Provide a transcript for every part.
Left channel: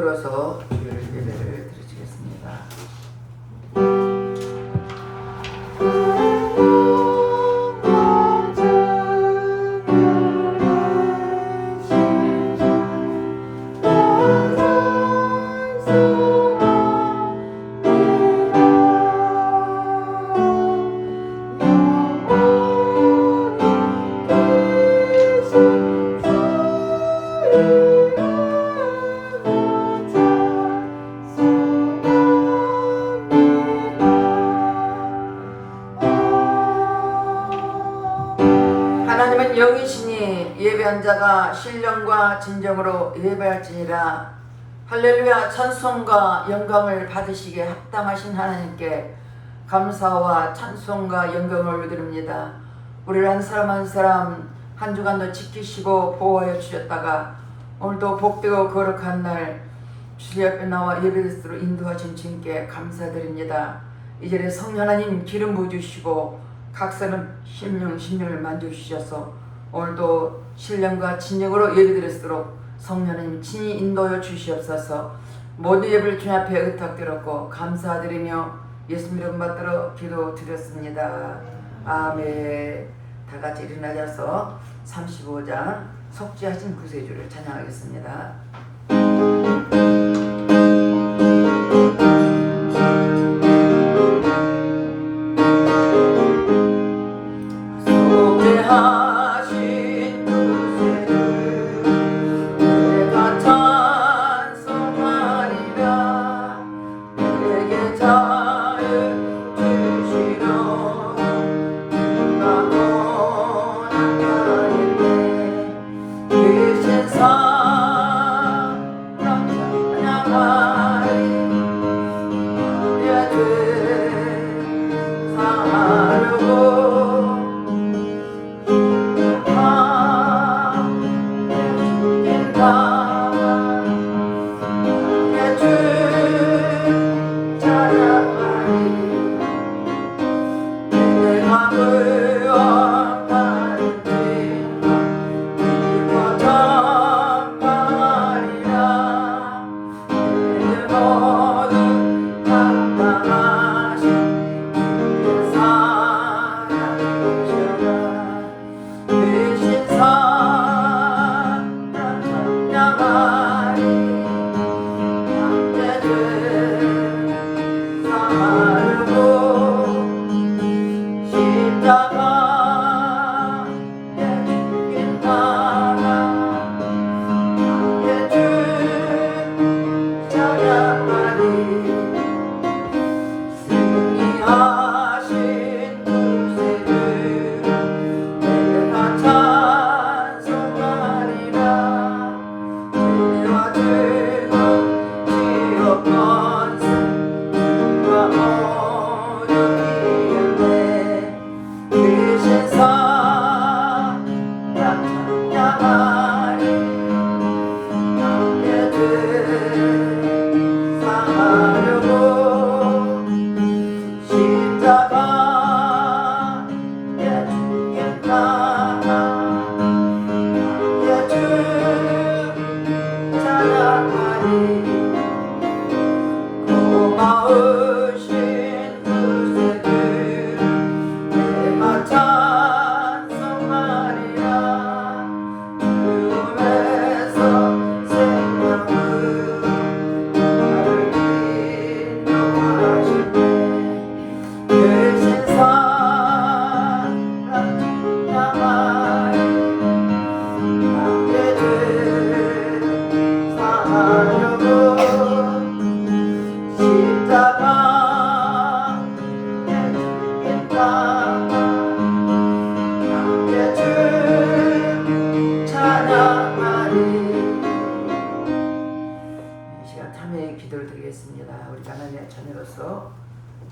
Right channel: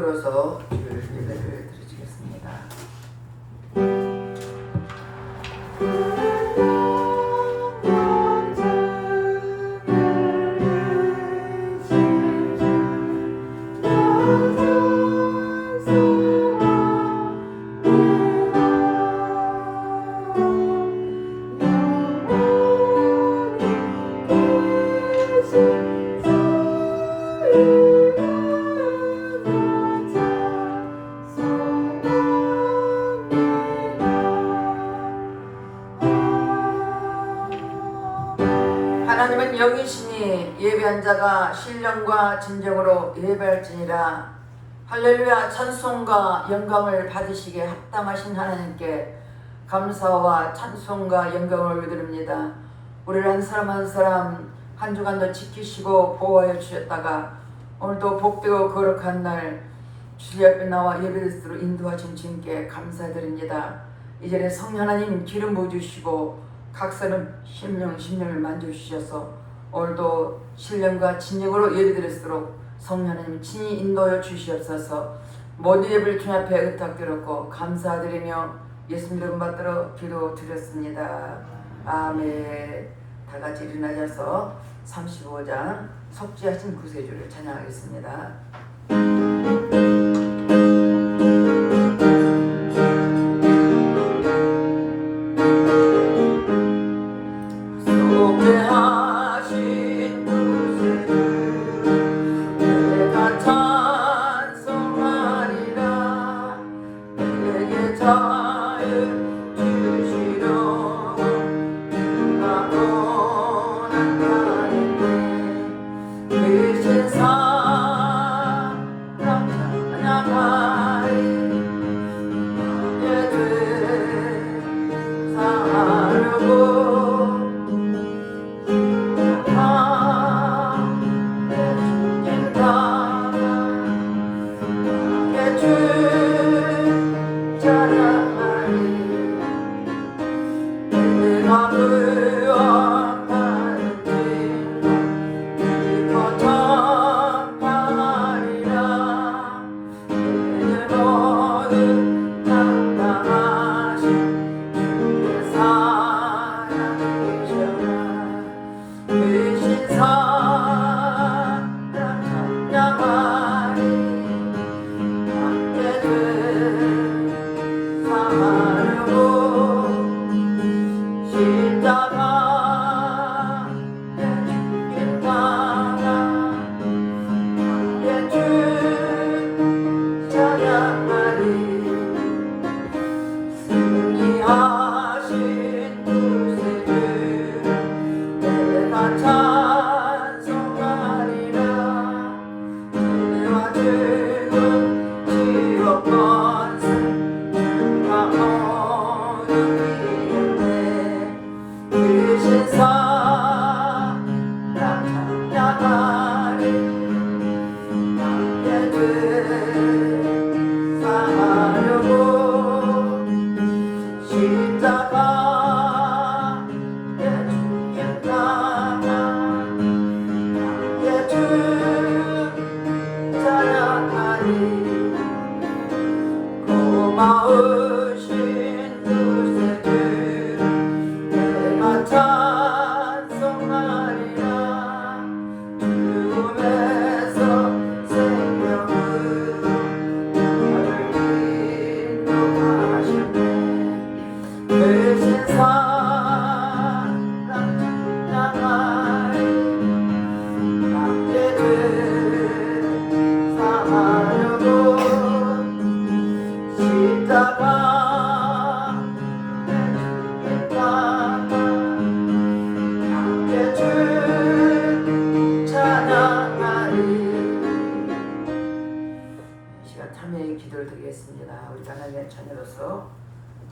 들어서 주일 예배를 드리겠습니다. 하나님은 영이시니 예배한 자가 신령과 진정으로 예배할지니라. 할렐루야. 찬송과 영광을 받으시기에 합당하신 하나님께 감사와 찬송과 영광을 드립니다. 우리를 한 사람 한 사람 한 주간도 지키시고 보호해 주셨다가 오늘도 복되고 거룩한 날 주님 앞에 나와 예배드리도록 인도하신 주님께 감사드립니다. 이 자리에 성령 하나님 기름 부어주시고 각 사람 심령을 만져주셔서 오늘도 신령과 진정으로 예배드리도록 성령 하나님 친히 인도하여 주시옵소서. 모든 예배를 주님 앞에 의탁드렸고 감사드리며 예수님 이름 받들어 기도드렸습니다. 아멘. 다같이 일어나셔서 35장 속죄하신 구세주를 찬양하겠습니다.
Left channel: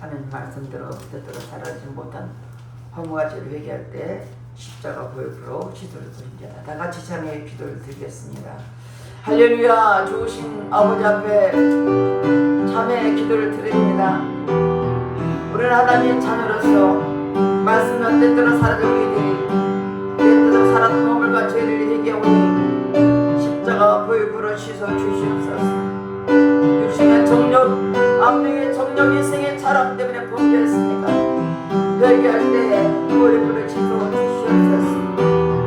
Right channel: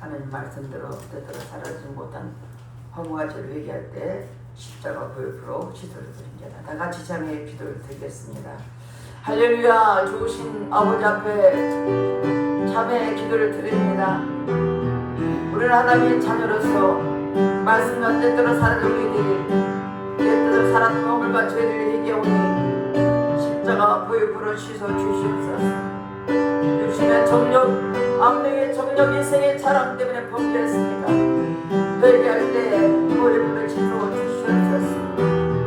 하나님 말씀대로 뜻대로 살아지지 못한 허무와 죄를 회개할 때 십자가 보혈로 기도를 드립니다. 다 같이 참여의 기도를 드리겠습니다. 할렐루야. 좋으신 아버지 앞에 참회의 기도를 드립니다. 우리는 하나님의 자녀로서 말씀과 뜻대로 살아오니 뜻대로 살았던 허물과 죄를 회개하오니 십자가 보혈로 씻어 주시옵소서. 정력, 악령의 정력이 생의 사람 때문에 범죄했습니까? 회개할 때 보혈을 지도해 주시옵소서.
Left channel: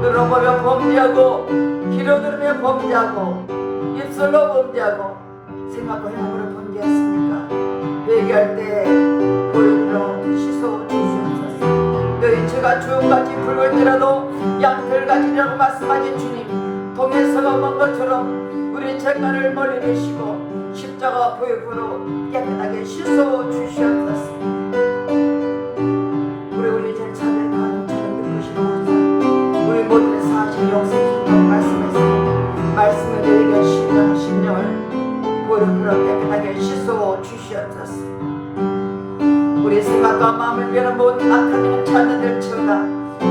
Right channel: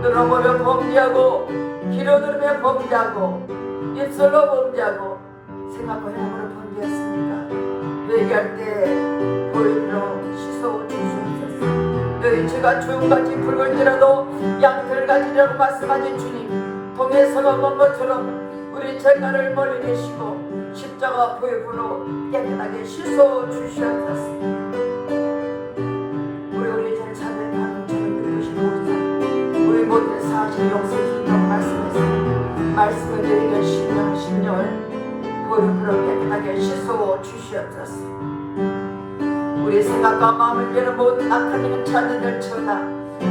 눈을 범죄하고 귀로 들으며 범죄하고 입술로 범죄하고 생각과 행함으로 범죄했습니까? 회개할 때 보혈로 씻어 주시옵소서. 너희 죄가 주홍같이 붉을지라도 양털같이라고 말씀하신 주님, 동에서 먹은 것처럼 우리 죄가를 멀리 내시고 십자가 보혈로 깨끗하게 씻어 주시옵소서. 우리 죄 차례 하는 죄를 듣으시고 우리 모든 사실 용서주시고 말씀을 드리는 심령을 보혈로 깨끗하게 씻어 주시옵소서. 우리 생각과 마음을 비하는 모든 악한 일은 찾아낼지어다.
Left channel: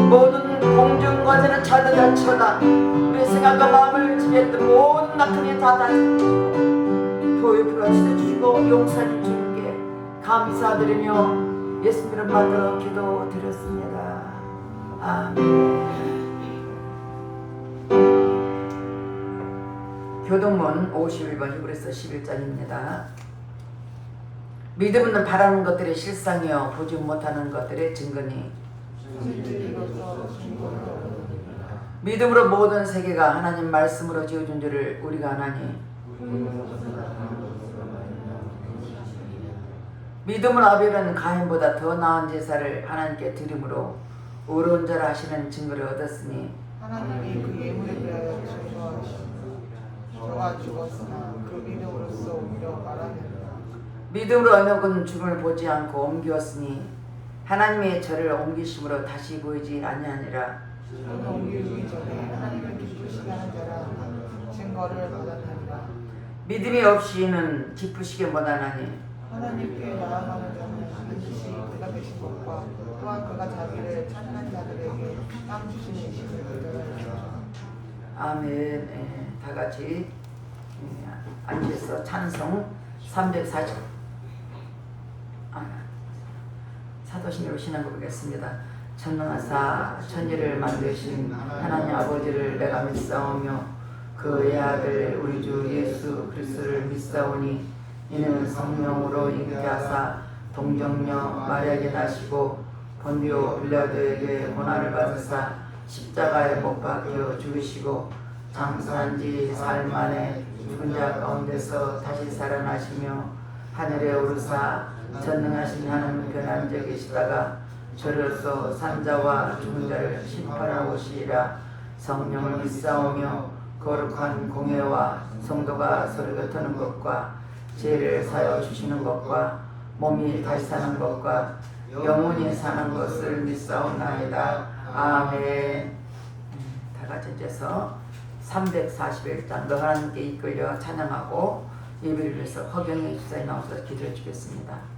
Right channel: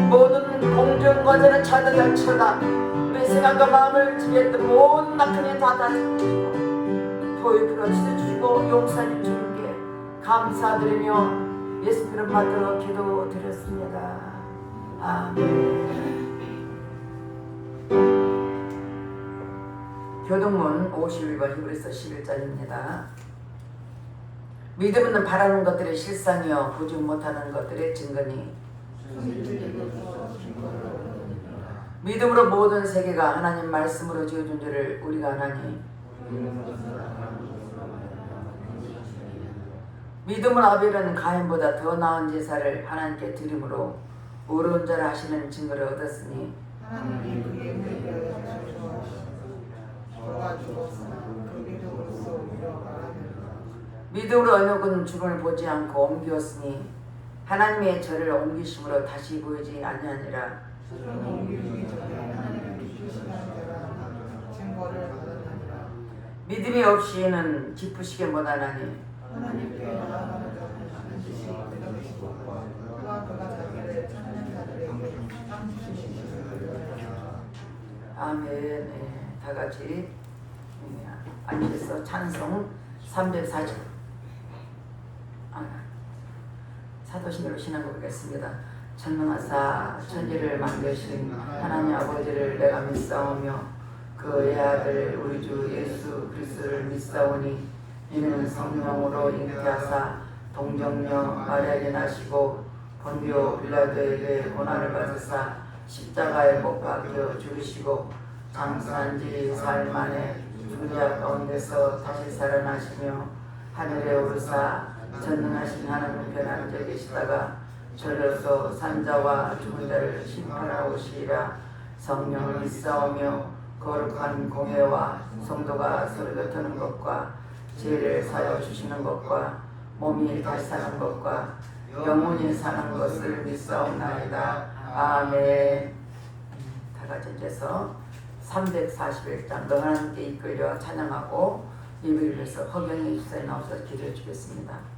모든 공중권세는 찾아낼지어다. 우리 생각과 마음을 지배했던 모든 악한 일은 다 다스리시고 보혈로 씻어주시고 용서해 주님께 감사드리며 예수 이름 받들어 기도드렸습니다. 아멘. 교동문 51번 히브리서 11장입니다. 믿음은 바라는 것들의 실상이요 보지 못하는 것들의 증거니 믿음으로 모든 세계가 하나님 말씀으로 지어준 줄을 우리가 아나니 믿음으로 아벨은 가인보다 더 나은 제사를 하나님께 드림으로 의로운 자라 하시는 증거를 얻었으니 하나님이 그의 물에 대하여 정죄하시고 저가 죽었으나 그 믿음으로써 옮겨 말하느니라. 믿음으로 언약은 죽음을 보지 않고 옮겼으니 하나님의 저를 옮기심으로 다시 보이지 아니하니라. 저는 옮기기 전에 하나님을 기쁘시게 하는 자라 증거를 받았느니라. 믿음이 없이는 기쁘시게 못하나니 하나님께 나아가는 자는 반드시 그가 계신 것과 또한 그가 자기를 찾는 자들에게 땅 주시는 이심을 믿으라. 아멘. 네, 다 같이 앉아서 찬송 340 사도신으로 신앙 고백했습니다. 전능하사 천지를 만드신 하나님 아버지를 내가 믿사오며 그의 아들 우리 주 예수 그리스도를 믿사오니 이는 성령으로 잉태하사 동정녀 마리아에게 나시고 본디오 빌라도에게 고난을 받으사 십자가에 못 박혀 죽으시고 장사한 지 사흘 만에 죽은 자 가운데서 다시 살아나시며 하늘에 오르사 전능하신 하나님 편한 자 계시다가 저로서 산자와 죽은 자를 심판하러 오시리라. 성령을 믿사오며 거룩한 공회와 성도가 서로 곁하는 것과 죄를 사여 주시는 것과 몸이 다시 사는 것과 영원히 사는 것을 믿사옵나이다. 아멘. 다 같이 앉아서 341장 너 하나님께 이끌려 찬양하고 예배를 위해서 허경영 집사에 나와서 기도해 주겠습니다.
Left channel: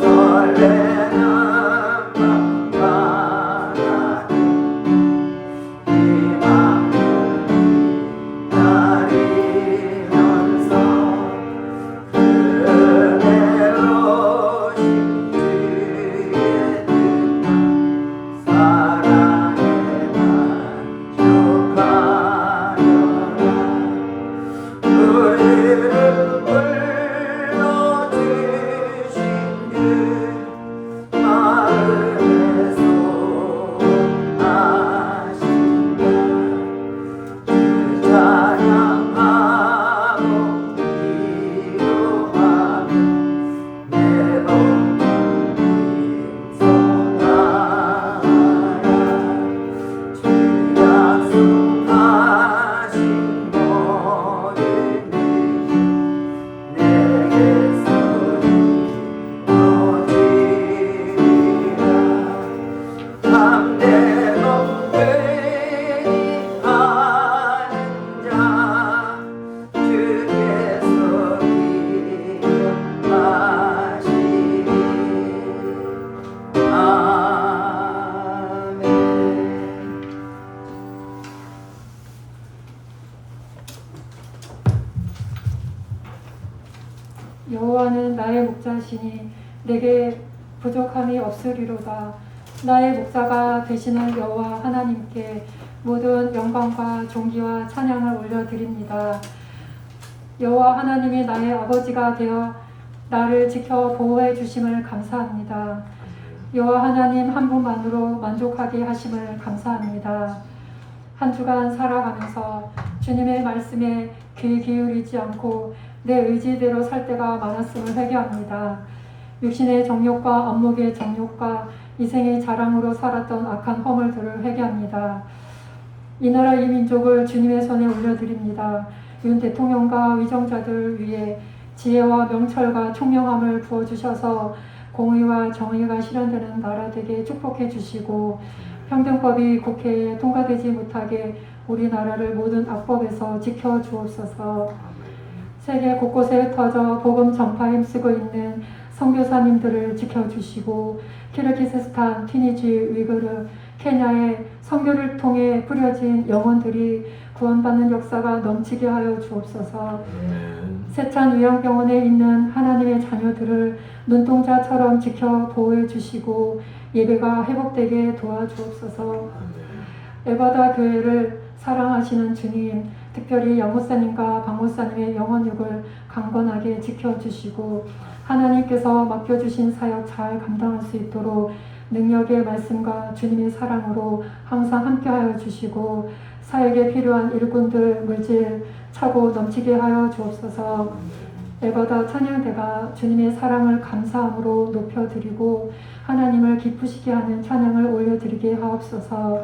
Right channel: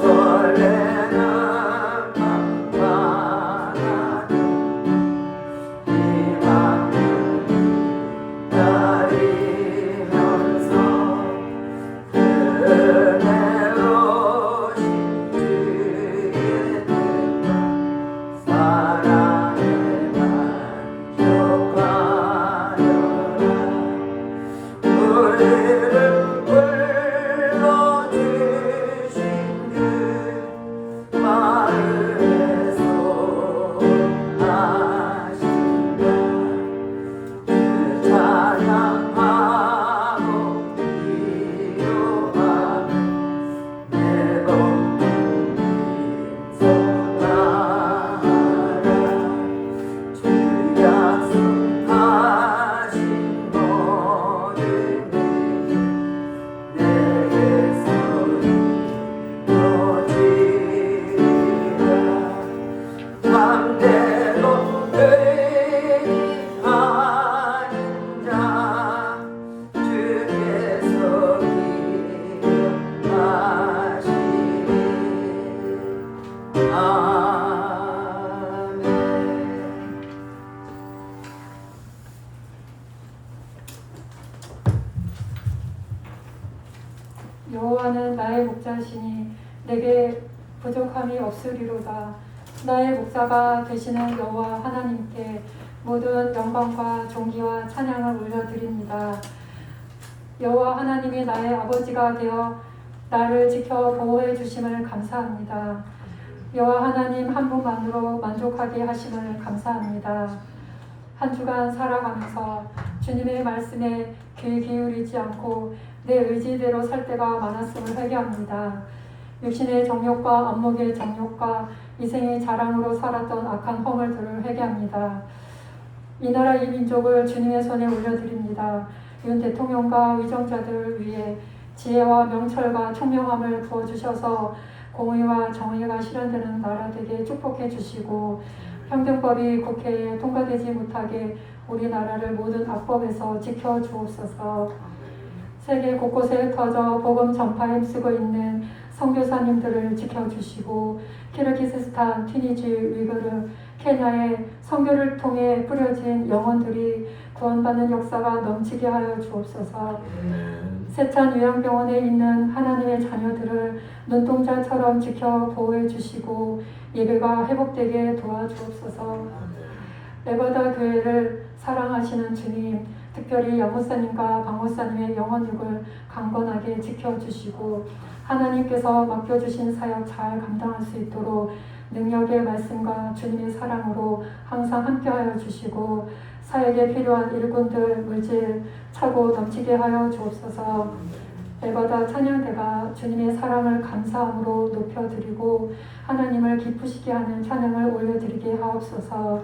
설레는 인하시니 내게 부족함이 없으리로다. 나의 목자가 되시는 여호와 하나님께 모든 영광과 존귀와 찬양을 올려드립니다. 여호와 하나님이 나의 아버지가 되어 나를 지켜 보호해 주심을 감사합니다. 여호와 하나님 한 분만으로 만족하게 하심을 감사합니다. 한 주간 살아가면서 주님의 말씀에 귀 기울이지 않고 내 의지대로 살 때가 많았음을 회개합니다. 육신의 정욕과 안목의 정욕과 이생의 자랑으로 살았던 악한 허물들을 회개합니다. 이 나라 이 민족을 주님의 손에 올려드립니다. 윤 대통령과 위정자들 위해 지혜와 명철과 총명함을 부어주셔서 공의와 정의가 실현되는 나라 되게 축복해 주시고 평등법이 국회에 통과되지 못하게 우리나라를 모든 악법에서 지켜 주옵소서. 세계 곳곳에 흩어져 복음 전파에 힘쓰고 있는 선교사님들을 지켜주시고 키르기스스탄, 튀니지, 위그르, 케냐의 선교를 통해 뿌려진 영혼들이 구원받는 역사가 넘치게 하여 주옵소서. 세찬 요양병원에 있는 하나님의 자녀들을 눈동자처럼 지켜 보호해 주시고 예배가 회복되게 도와주옵소서. 에바다 교회를 사랑하시는 주님, 특별히 영목사님과 박목사님의 영혼육을 강건하게 지켜주시고 하나님께서 맡겨주신 사역 잘 감당할 수 있도록 능력의 말씀과 주님의 사랑으로 항상 함께하여 주시고 사역에 필요한 일꾼들, 물질 차고 넘치게 하여 주옵소서. 에버다 찬양대가 주님의 사랑을 감사함으로 높여드리고 하나님을 기쁘시게 하는 찬양을 올려드리게 하옵소서.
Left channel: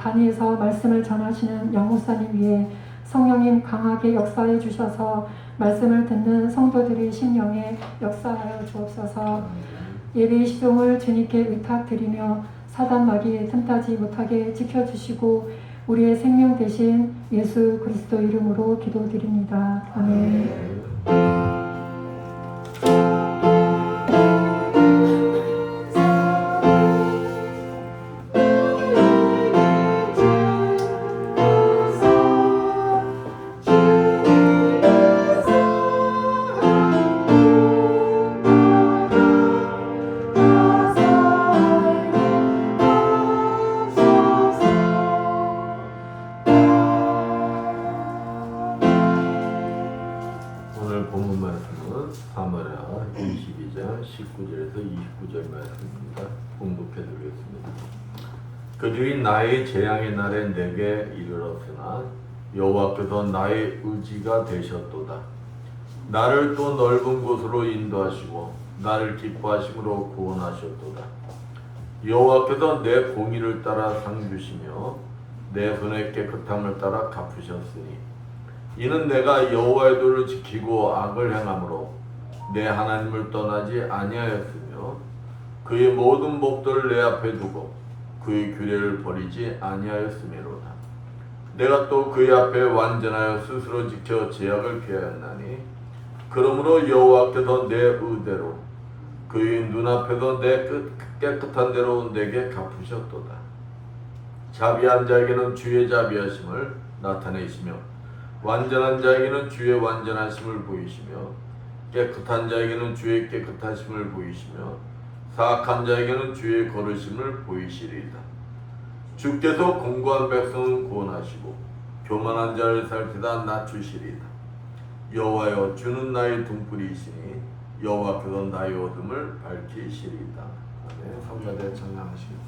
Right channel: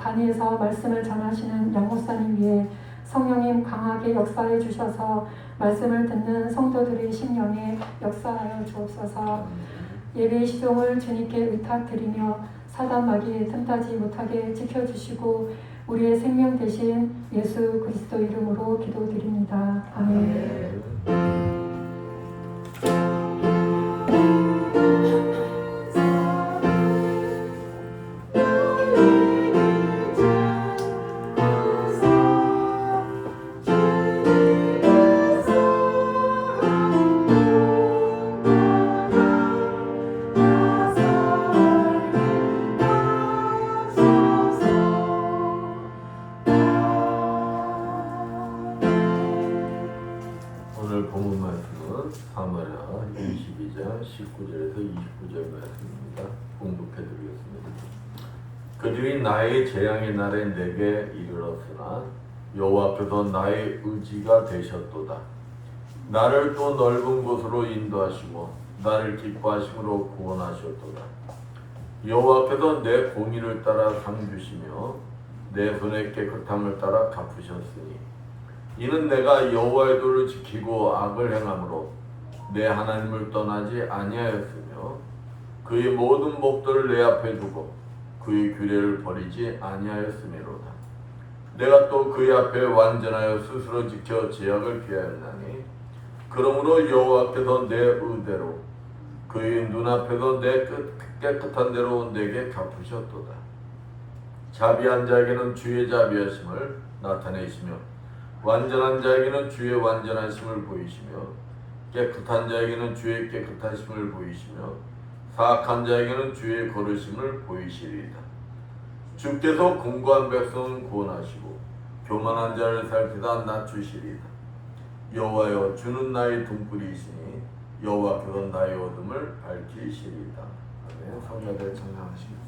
단위에서 말씀을 전하시는 양목사님 위에 성령님 강하게 역사해 주셔서 말씀을 듣는 성도들의 심령에 역사하여 주옵소서. 예배의 시종을 주님께 의탁드리며 사단 마귀에 틈타지 못하게 지켜주시고 우리의 생명 대신 예수 그리스도 이름으로 기도드립니다. 아멘. 오늘 본문 말씀은 사마리아 22장 19절에서 29절 말씀입니다. 봉독해 드리겠습니다. 그들이 나의 재앙의 날에 내게 이르렀으나 여호와께서 나의 의지가 되셨도다. 나를 또 넓은 곳으로 인도하시고 나를 기뻐하심으로 구원하셨도다. 여호와께서 내 공의를 따라 상 주시며 내 손의 깨끗함을 따라 갚으셨으니 이는 내가 여호와의 도를 지키고 악을 행함으로 내 하나님을 떠나지 아니하였으며 그의 모든 법도를 내 앞에 두고 그의 규례를 버리지 아니하였음이로다. 내가 또 그의 앞에 완전하여 스스로 지켜 죄악을 피하였나니 그러므로 여호와께서 내 의대로 그의 눈앞에서 내 깨끗한 대로 내게 갚으셨도다. 자비한 자에게는 주의 자비하심을 나타내시며 완전한 자에게는 주의 완전하심을 보이시며 깨끗한 자에게는 주의 깨끗하심을 보이시며 사악한 자에게는 주의 거르심을 보이시리이다. 주께서 공고한 백성은 구원하시고 교만한 자를 살피다 낮추시리이다. 여호와여 주는 나의 등불이시니 여호와께서 나의 어둠을 밝히시리이다. 아멘. 성가대 청량하시고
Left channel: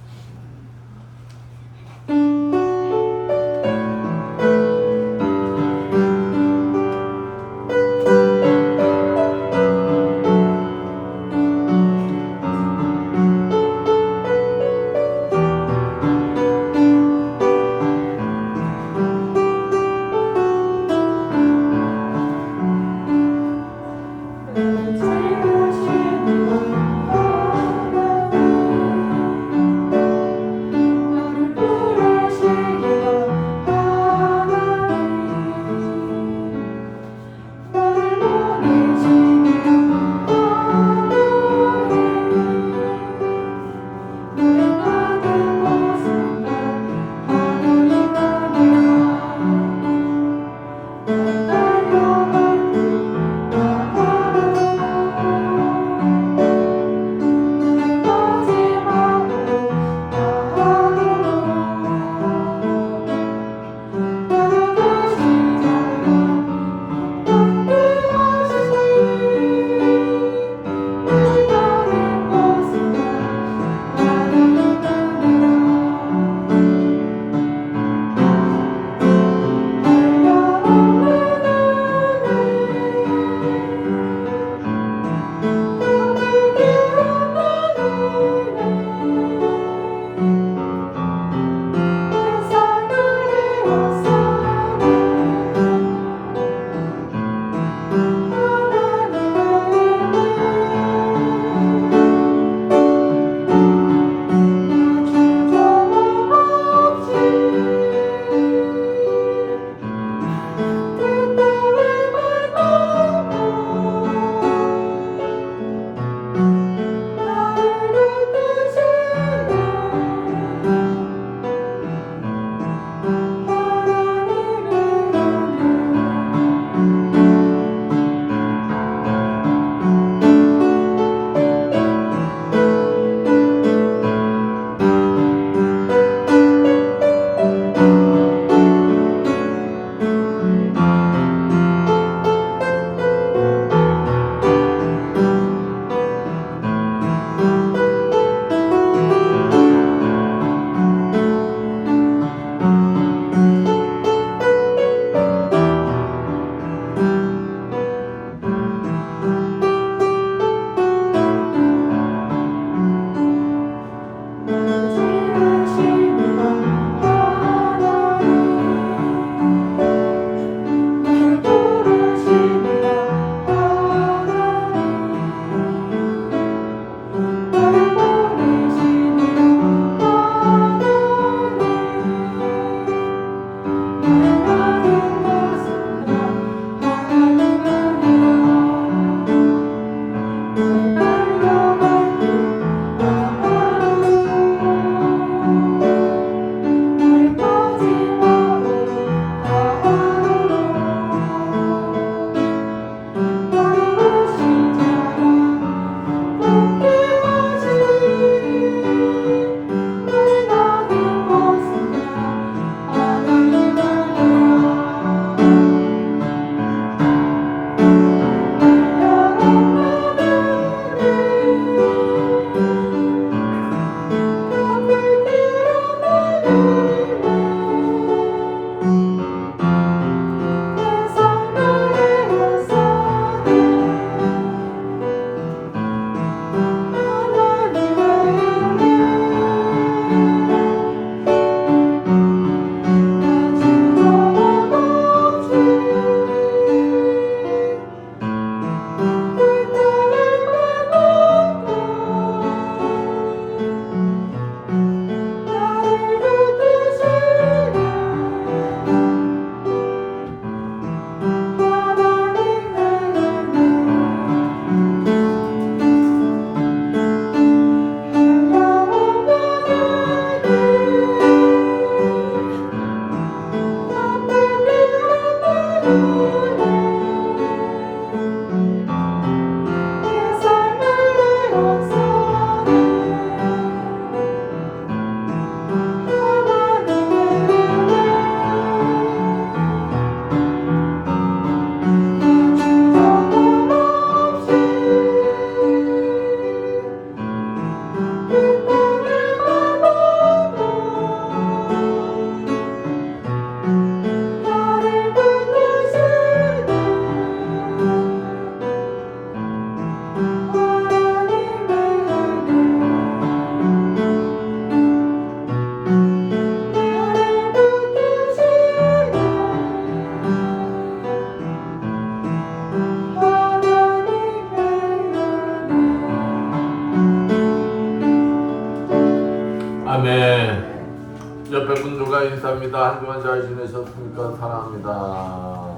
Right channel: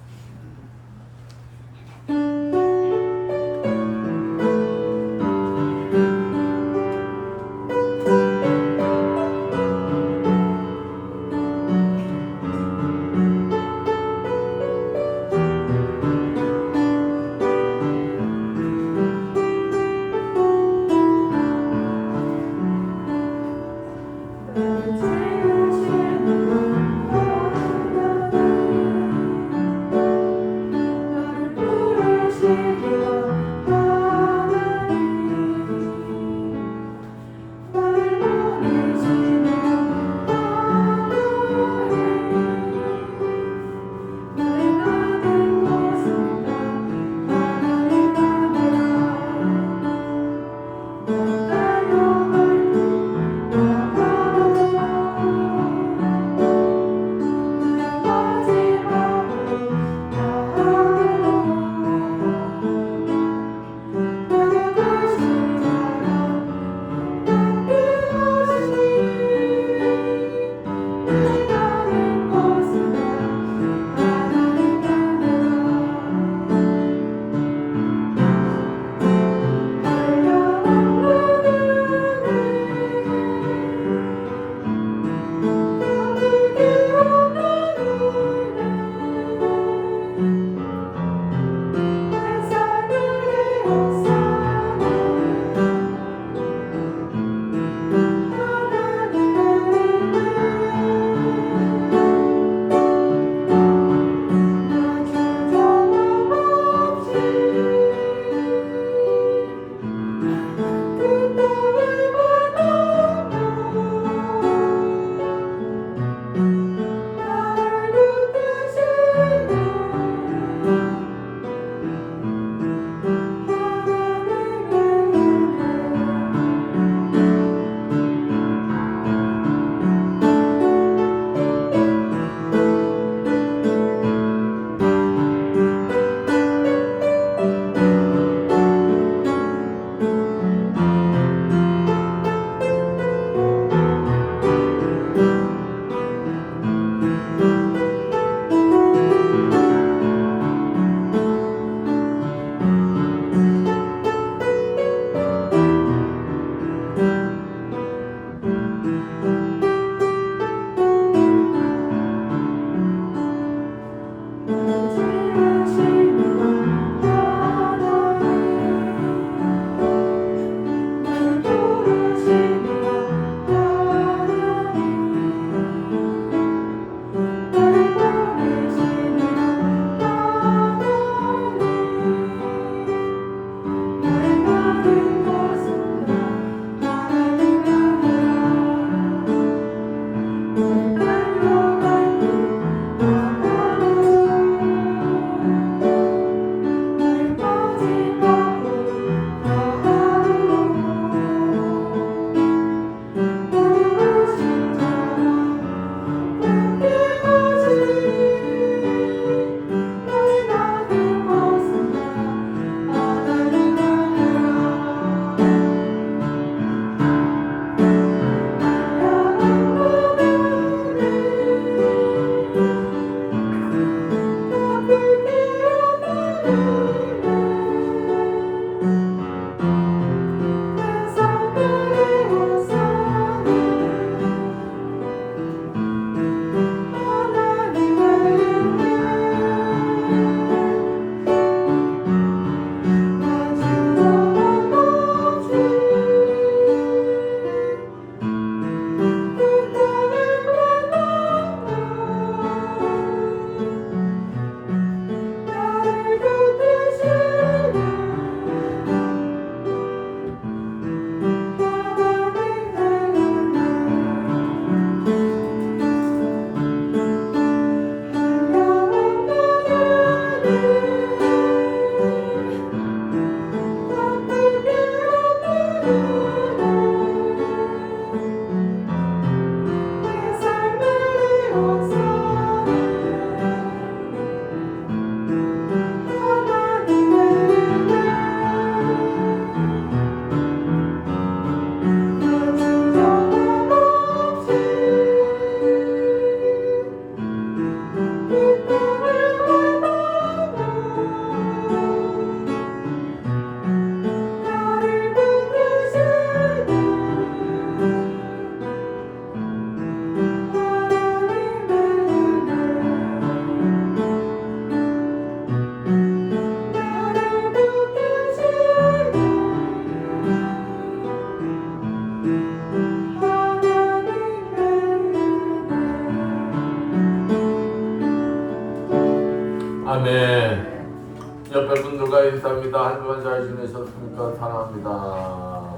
아멘. 옆에 분들과 인사합니다. 한 주간 잘 지내셨습니까? 사랑합니다.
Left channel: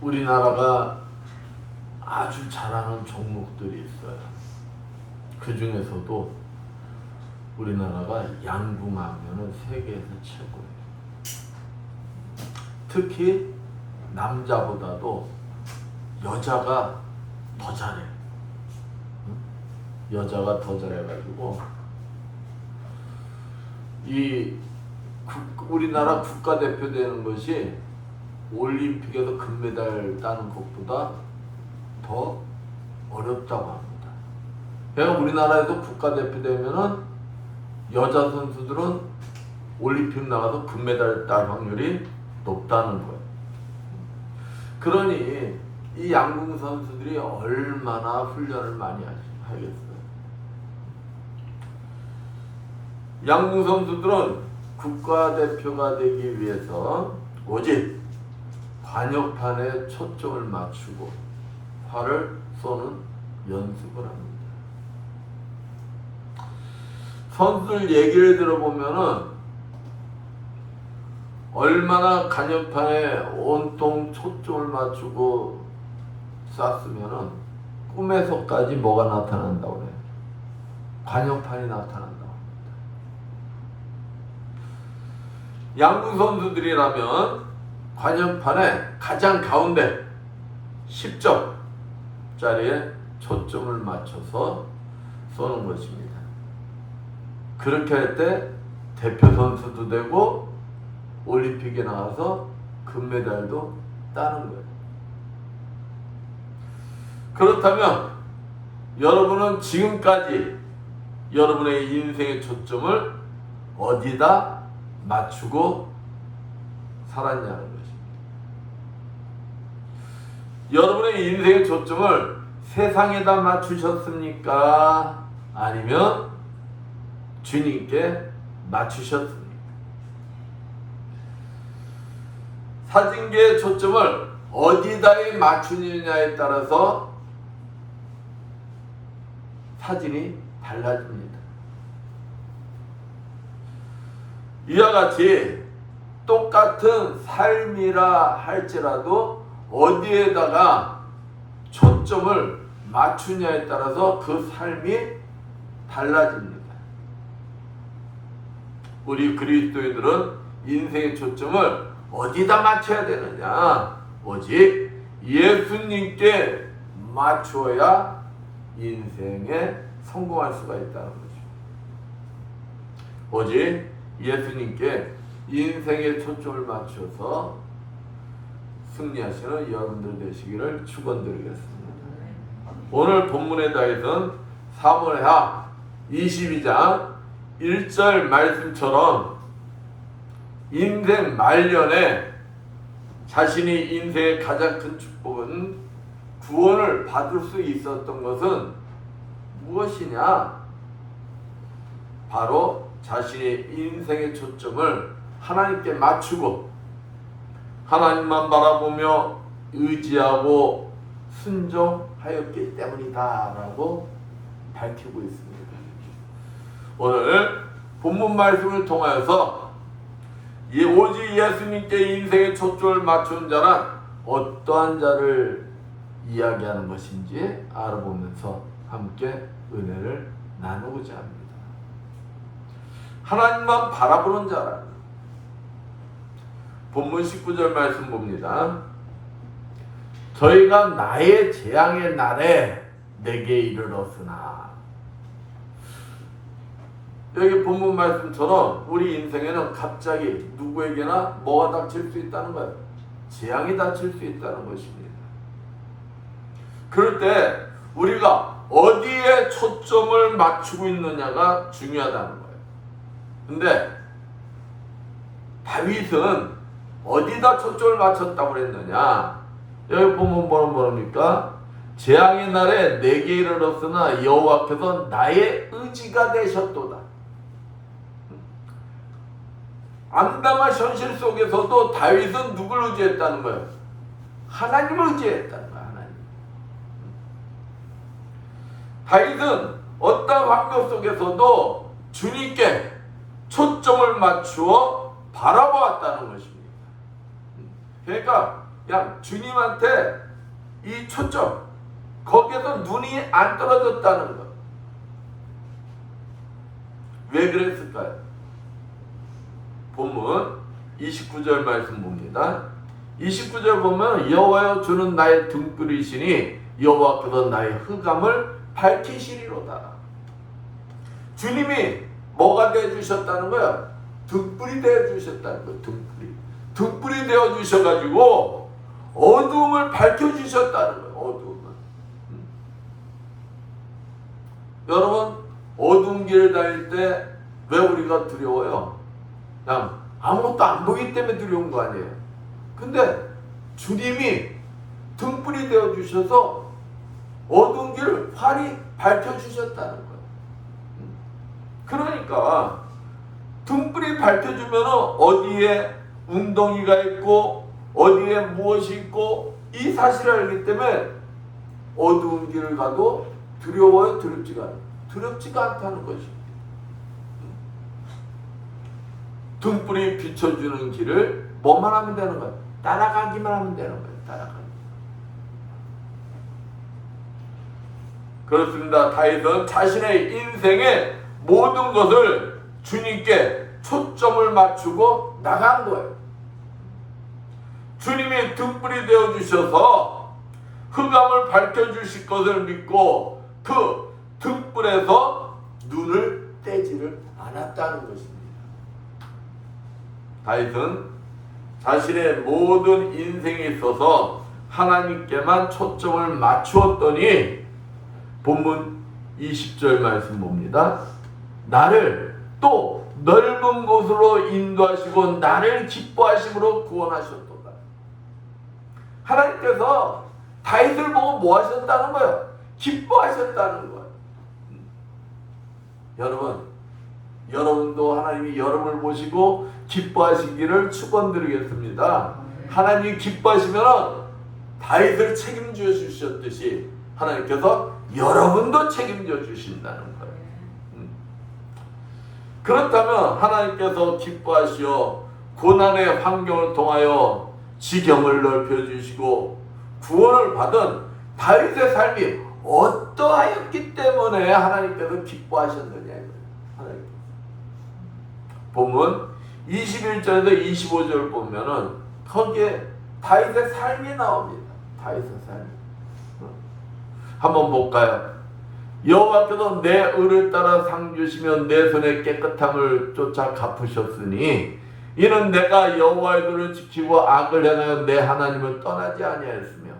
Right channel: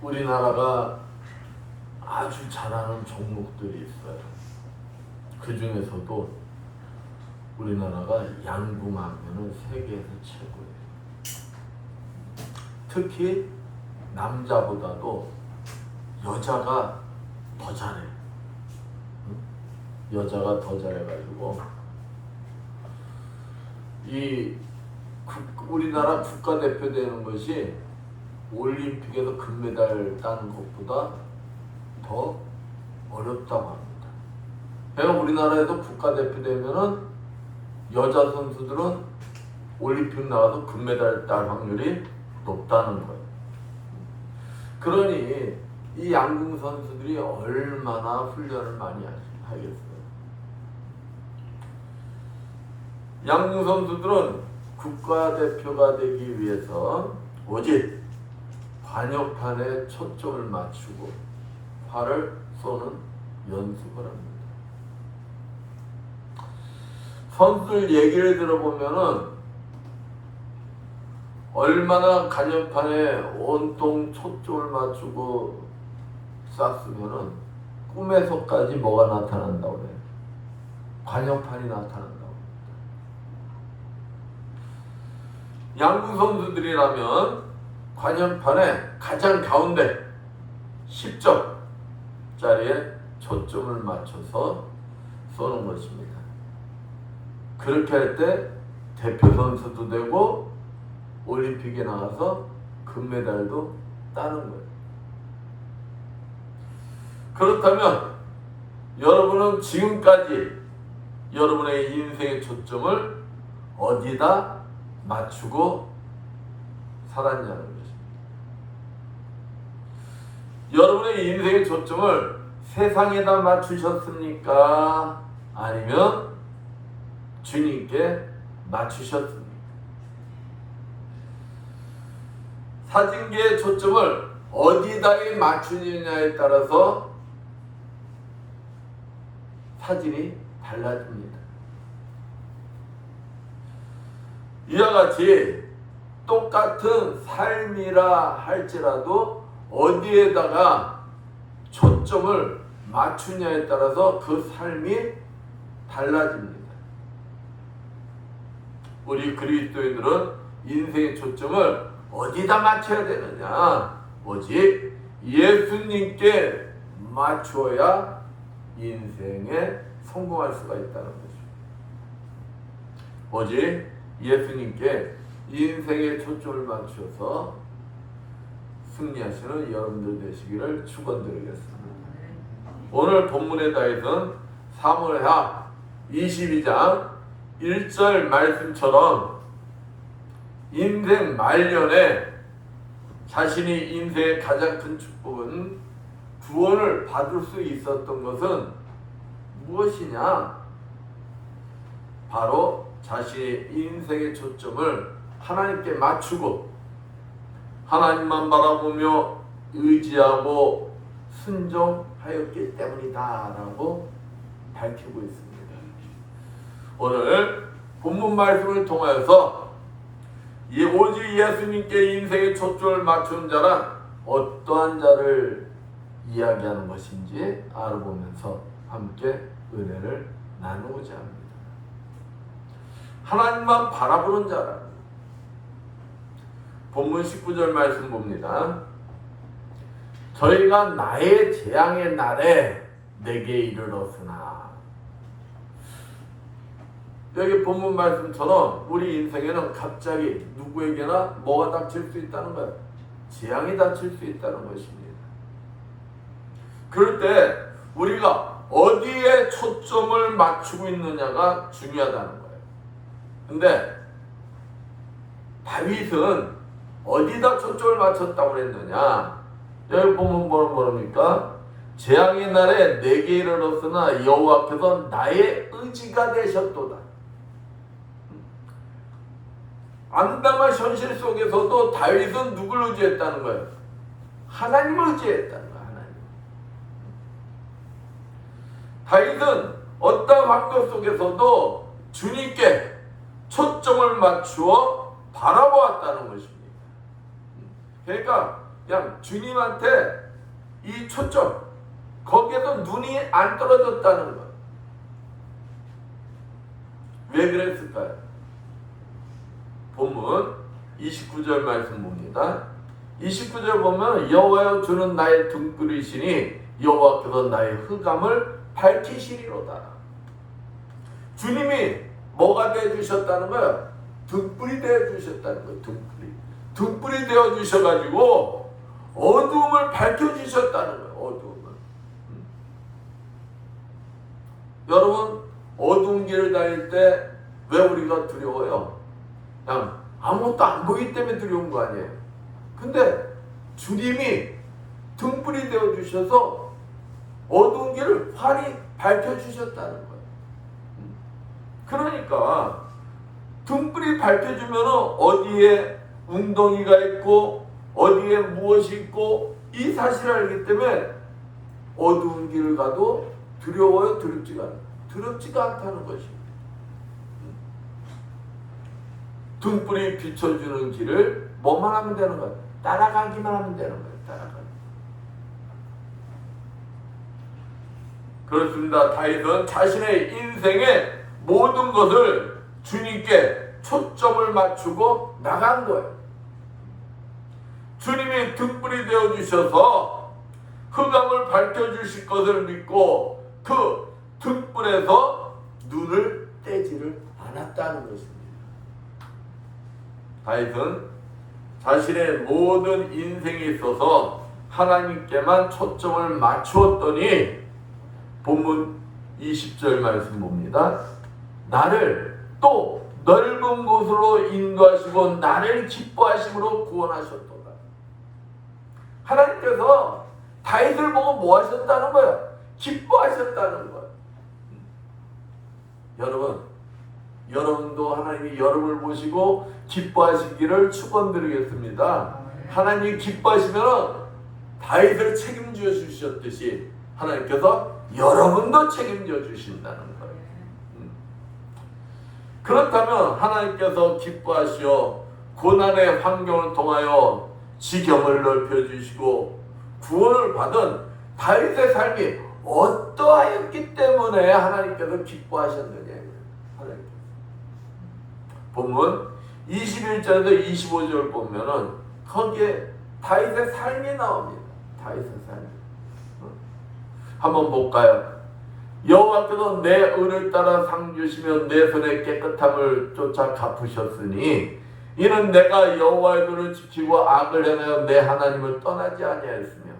우리나라가 아주 잘하는 종목들이 있어요. 그 중에서도 우리나라가 양궁하면은 세계에서 최고예요. 특히 남자보다도 여자가 더 잘해. 여자가 더 잘해가지고 우리나라 국가대표 되는 것이 올림픽에서 금메달 따는 것보다 더 어렵다고 합니다. 그냥 우리나라에도 국가대표 되면은 여자 선수들은 올림픽 나가서 금메달 딸 확률이 높다는 거예요. 그러니 이 양궁 선수들이 얼마나 훈련을 많이 하겠어요. 양궁 선수들은 국가대표가 되기 위해서 오직 관역판에 초점을 맞추고 활을 쏘는 연습을 합니다. 선수들 얘기를 들어보면은 얼마나 관역판에 온통 초점을 맞추고 쐈으면은 꿈에서까지 뭐가 나타난다고 그래요? 관역판이 나타난다고 합니다. 양궁 선수들이라면 관역판에 가장 가운데 10점짜리에 초점을 맞춰서 쏘는 것입니다. 그렇게 할 때 대표 선수도 되고 올림픽에 나가서 금메달도 따는 거예요. 그렇다면 여러분은 지금까지 여러분의 인생의 초점을 어디다 맞추고 살았냐는 것입니다. 여러분의 인생의 초점을 세상에다 맞추셨습니까? 아니면 주님께 맞추셨습니까? 사진기의 초점을 어디다에 맞추느냐에 따라서 사진이 달라집니다. 이와 같이 똑같은 삶이라 할지라도 어디에다가 초점을 맞추냐에 따라서 그 삶이 달라집니다. 우리 그리스도인들은 인생의 초점을 어디다 맞춰야 되느냐? 오직 예수님께 맞추어야 인생에 성공할 수가 있다는 거죠. 오직 예수님께 인생의 초점을 맞춰서 승리하시는 여러분들 되시기를 축원드리겠습니다. 오늘 본문에 다있던 사무엘하 22장 1절 말씀처럼 인생 말년에 자신이 인생의 가장 큰 축복은 구원을 받을 수 있었던 것은 무엇이냐? 바로 자신의 인생의 초점을 하나님께 맞추고 하나님만 바라보며 의지하고 순종하였기 때문이다 라고 밝히고 있습니다. 오늘 본문 말씀을 통하여서 오직 예수님께 인생의 초점을 맞춘 자란 어떠한 자를 이야기하는 것인지 알아보면서 함께 은혜를 나누고자 합니다. 하나님만 바라보는 자라. 본문 19절 말씀 봅니다. 저희가 나의 재앙의 날에 내게 이르렀으나. 여기 본문 말씀처럼 우리 인생에는 갑자기 누구에게나 뭐가 닥칠 수 있다는 거예요. 재앙이 닥칠 수 있다는 것입니다. 그럴 때 우리가 어디에 초점을 맞추고 있느냐가 중요하다는 거예요. 근데 다윗은 어디다 초점을 맞췄다고 그랬느냐? 여기 보면 뭐랍니까? 재앙의 날에 내게 이르렀으나 여호와께서 나의 의지가 되셨도다. 암담한 현실 속에서도 다윗은 누굴 의지했다는 거예요? 하나님을 의지했다는 거예요. 하나님. 다윗은 어떤 환경 속에서도 주님께 초점을 맞추어 바라보았다는 것입니다. 그러니까 그냥 주님한테 이 초점, 거기에서 눈이 안 떨어졌다는 것. 왜 그랬을까요? 본문 29절 말씀 봅니다. 29절 보면 여호와여 주는 나의 등불이시니 여호와께서 나의 흑암을 밝히시리로다. 주님이 뭐가 되어주셨다는 거야? 등불이 되어주셨다는 거야. 등불이 되어주셔가지고 어두움을 밝혀주셨다는 거야. 어두움을. 여러분, 어두운 길을 다닐 때 왜 우리가 두려워요? 그냥 아무것도 안 보이기 때문에 두려운 거 아니에요. 근데 주님이 등불이 되어주셔서 어두운 길을 활이 밝혀주셨다는 거예요. 그러니까 등불이 밝혀주면 어디에 웅덩이가 있고 어디에 무엇이 있고 이 사실을 알기 때문에 어두운 길을 가도 두려워요? 두렵지가 않아요? 두렵지가 않다는 것입니다. 등불이 비춰주는 길을 뭐만 하면 되는 거예요? 따라가기만 하면 되는 거예요. 따라가기. 그렇습니다. 다윗은 자신의 인생의 모든 것을 주님께 초점을 맞추고 나간 거예요. 주님이 등불이 되어주셔서 흑암을 밝혀주실 것을 믿고 그 등불에서 눈을 떼지를 않았다는 것입니다. 다윗은 자신의 모든 인생에 있어서 하나님께만 초점을 맞추었더니 본문 20절 말씀 봅니다. 나를 또 넓은 곳으로 인도하시고 나를 기뻐하심으로 구원하셨도다. 하나님께서 다윗을 보고 뭐 하셨다는 거예요? 기뻐하셨다는 거예요. 여러분도 하나님이 여러분을 보시고 기뻐하시기를 축원드리겠습니다. 하나님이 기뻐하시면 다윗을 책임져 주셨듯이 하나님께서 여러분도 책임져 주신다는 거예요. 그렇다면 하나님께서 기뻐하시어 고난의 환경을 통하여 지경을 넓혀주시고 구원을 받은 다윗의 삶이 어떠하였기 때문에 하나님께서 기뻐하셨느냐. 본문 21절에서 25절 보면은 거기에 다윗의 삶이 나옵니다. 다윗의 삶. 한번 볼까요? 여호와께서 내 의를 따라 상 주시며 내 손의 깨끗함을 쫓아 갚으셨으니 이는 내가 여호와의 도를 지키고 악을 행하여 내 하나님을 떠나지 아니하였으며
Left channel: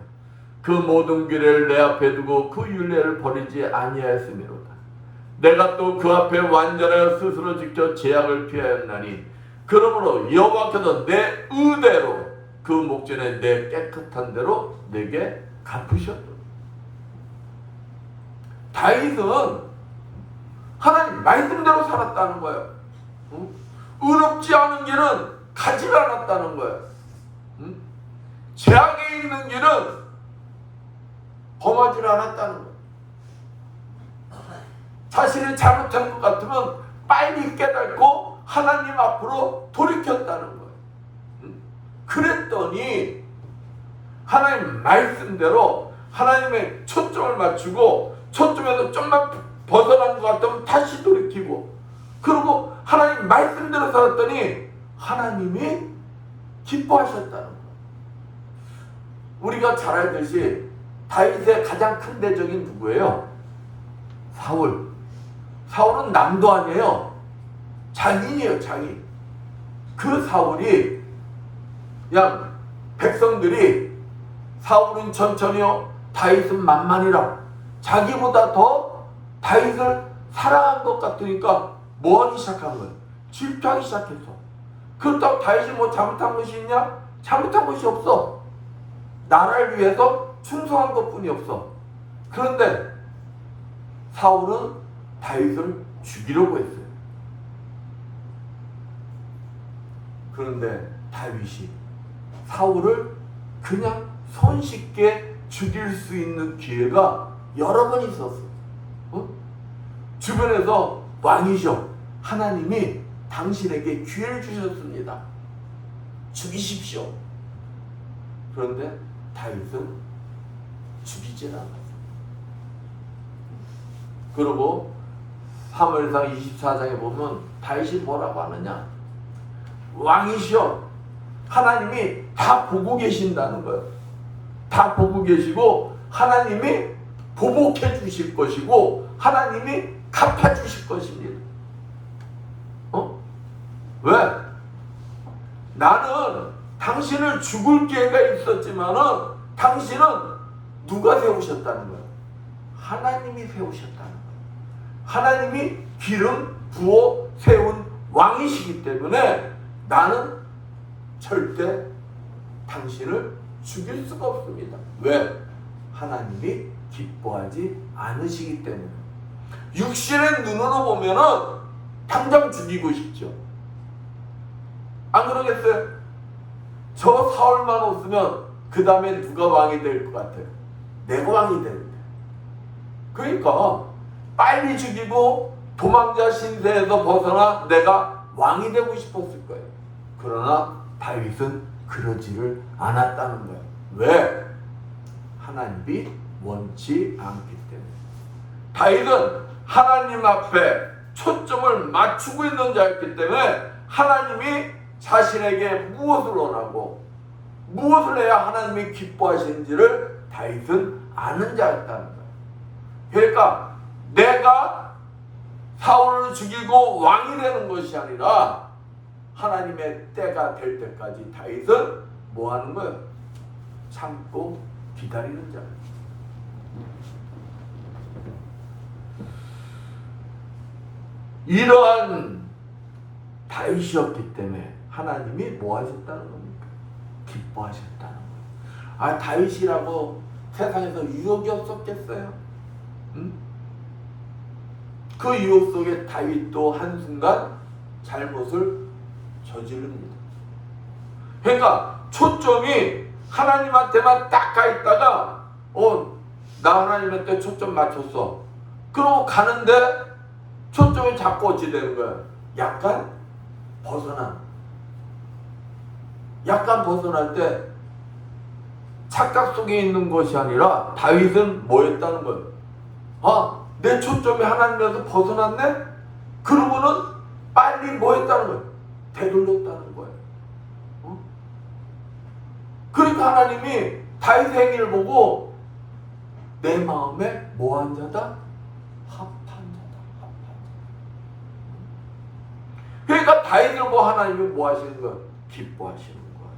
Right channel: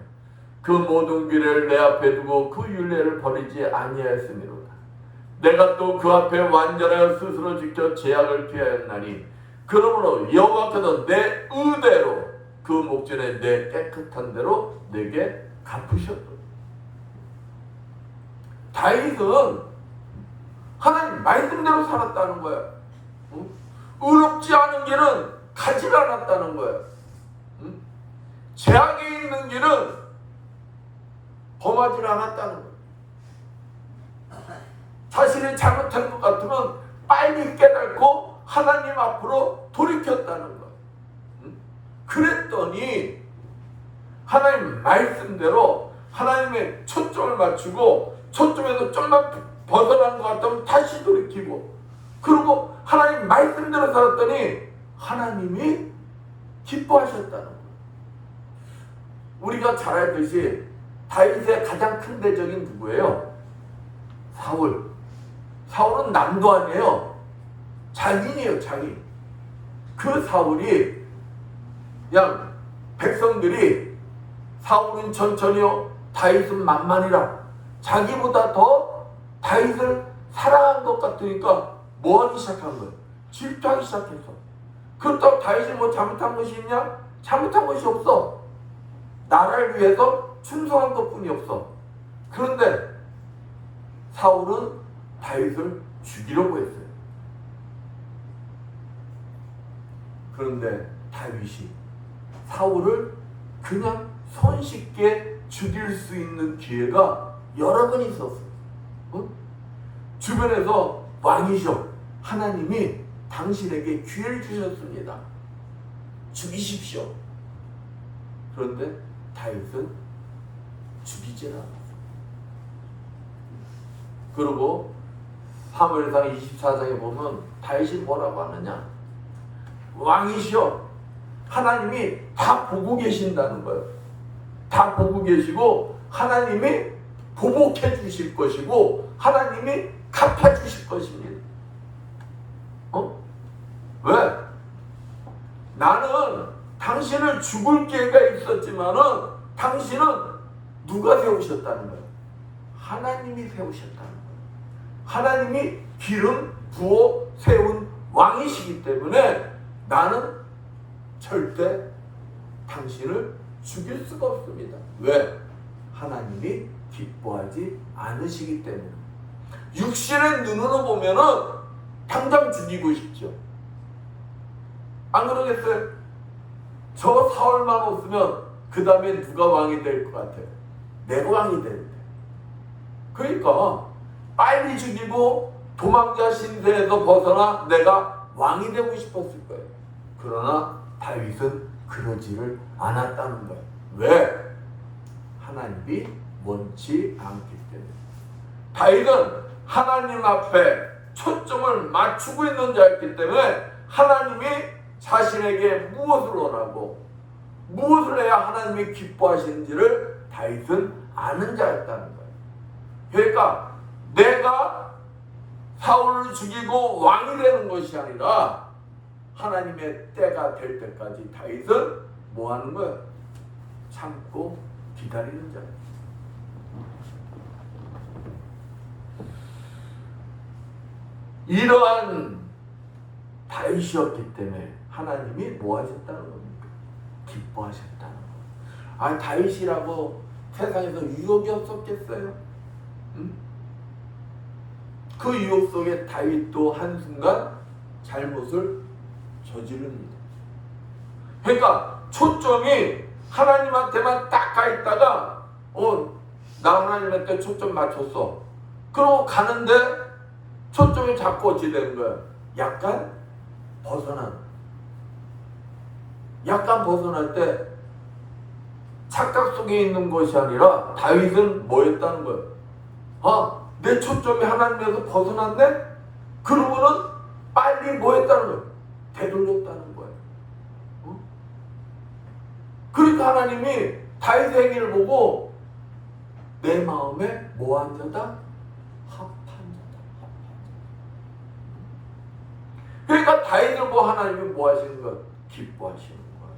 그 모든 규례를 내 앞에 두고 그 율례를 버리지 아니하였음이로다. 내가 또 그 앞에 완전하여 스스로 지켜 죄악을 피하였나니 그러므로 여호와께서 내 의대로 그 목전에 내 깨끗한 대로 내게 갚으셨다. 다윗은 하나님 말씀대로 살았다는 거예요. 의롭지 않은 길은 가지 않았다는 거예요. 죄악이 있는 길은 범하지 않았다는 거예요. 자신이 잘못한 것 같으면 빨리 깨닫고 하나님 앞으로 돌이켰다는 거예요. 그랬더니 하나님 말씀대로 하나님의 초점을 맞추고 초점에서 좀만 벗어난 것 같으면 다시 돌이키고 그리고 하나님 말씀대로 살았더니 하나님이 기뻐하셨다는 거예요. 우리가 잘 알듯이 다윗의 가장 큰 대적인 누구예요? 사울은 남도 아니에요. 장인이에요. 장인. 그 사울이 그냥 백성들이 사울은 천천히요 다윗은 만만이라 자기보다 더 다윗을 사랑한 것 같으니까 뭐 하기 시작한 거예요? 질투하기 시작했어. 그렇다고 다윗이 뭐 잘못한 것이 있냐? 잘못한 것이 없어. 나라를 위해서 충성한 것뿐이 없어. 그런데 사울은 다윗을 죽이려고 했어요. 그런데 다윗이 사울을 그냥 손쉽게 죽일 수 있는 기회가 여러 번 있었어요. 주변에서 왕이셔. 하나님이 당신에게 기회를 주셨습니다. 죽이십시오. 그런데 다윗은 죽이질 않아요. 그리고 사무엘상 24장에 보면 다윗이 뭐라고 하느냐? 왕이시여. 하나님이 다 보고 계신다는 거예요. 다 보고 계시고 하나님이 보복해 주실 것이고 하나님이 갚아 주실 것입니다. 왜? 나는 당신을 죽을 기회가 있었지만은 당신은 누가 세우셨다는 거예요? 하나님이 세우셨다는 거예요. 하나님이 기름 부어 세운 왕이시기 때문에 나는 절대 당신을 죽일 수가 없습니다. 왜? 하나님이 기뻐하지 않으시기 때문에. 육신의 눈으로 보면은 당장 죽이고 싶죠. 안 그러겠어요? 저 사울만 없으면 그 다음에 누가 왕이 될 것 같아요? 내가 왕이 되는데. 그러니까 빨리 죽이고 도망자 신세에서 벗어나 내가 왕이 되고 싶었을 거예요. 그러나 다윗은 그러지를 않았다는 거예요. 왜? 하나님이 원치 않기 때문에. 다윗은 하나님 앞에 초점을 맞추고 있는 자였기 때문에 하나님이 자신에게 무엇을 원하고 무엇을 해야 하나님이 기뻐하시는지를 다윗은 아는 자였다는 거예요. 그러니까 내가 사울을 죽이고 왕이 되는 것이 아니라 하나님의 때가 될 때까지 다윗은 뭐 하는 거예요? 참고 기다리는 자예요. 이러한 다윗이었기 때문에 하나님이 뭐 하셨다는 겁니까? 기뻐하셨다는 거예요. 다윗이라고 세상에서 유혹이 없었겠어요? 응? 그 유혹 속에 다윗도 한순간 잘못을 저지릅니다. 그러니까 초점이 하나님한테만 딱 가 있다가 나 하나님한테 초점 맞췄어. 그러고 가는데 초점이 자꾸 어찌 되는 거야? 약간 벗어날 때 착각 속에 있는 것이 아니라 다윗은 뭐였다는 거예요? 내 초점이 하나님에서 벗어났네? 그러고는 빨리 뭐했다는 거예요? 되돌렸다는 거예요. 그러니까 하나님이 다윗의 행위를 보고 내 마음에 뭐한 자다? 합한 자다. 그러니까 다윗을 보고 하나님이 뭐 하시는 거예요? 기뻐하시는 거예요.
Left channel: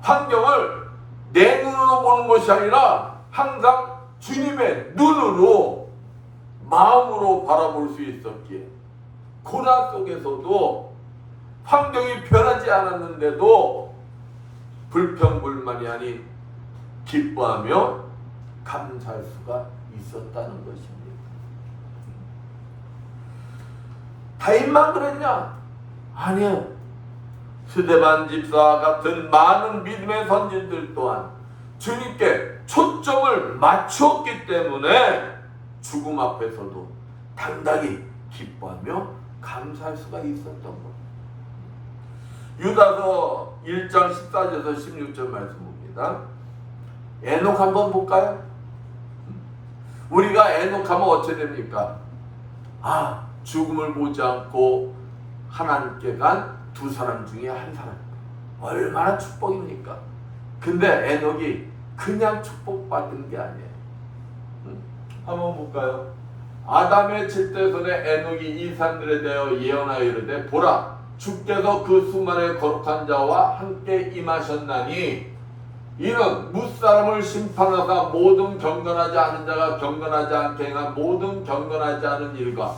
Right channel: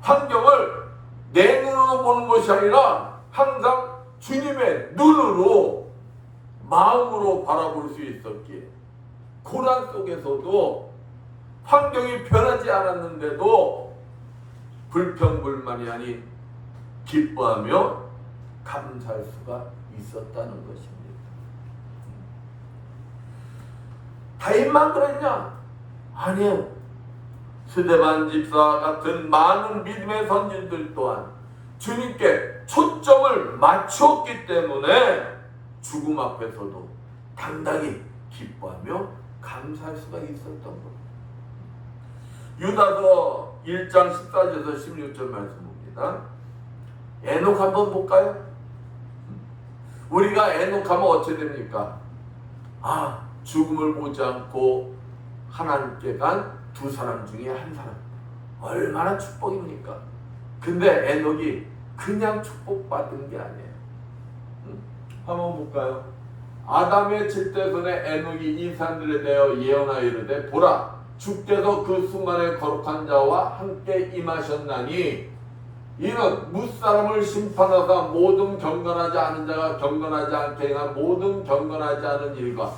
환경을 내 눈으로 보는 것이 아니라 항상 주님의 눈으로 마음으로 바라볼 수 있었기에 고난 속에서도 환경이 변하지 않았는데도 불평불만이 아닌 기뻐하며 감사할 수가 있었다는 것입니다. 다윗만 그랬냐? 아니요. 스데반 집사와 같은 많은 믿음의 선진들 또한 주님께 초점을 맞추었기 때문에 죽음 앞에서도 당당히 기뻐하며 감사할 수가 있었던 것. 유다서 1장 14절에서 16절 말씀입니다. 에녹 한번 볼까요? 우리가 에녹하면 어찌 됩니까? 죽음을 보지 않고 하나님께 간 두 사람 중에 한 사람. 얼마나 축복입니까? 근데 에녹이 그냥 축복받은 게 아니에요. 한번 볼까요? 아담의 칠대손에 에녹이 이 산들에 대하여 예언하여 이르되 보라 주께서 그 수많은 거룩한 자와 함께 임하셨나니 이는 무사람을 심판하사 모든 경건하지 않은 자가 경건하지 않게 행한 모든 경건하지 않은 일과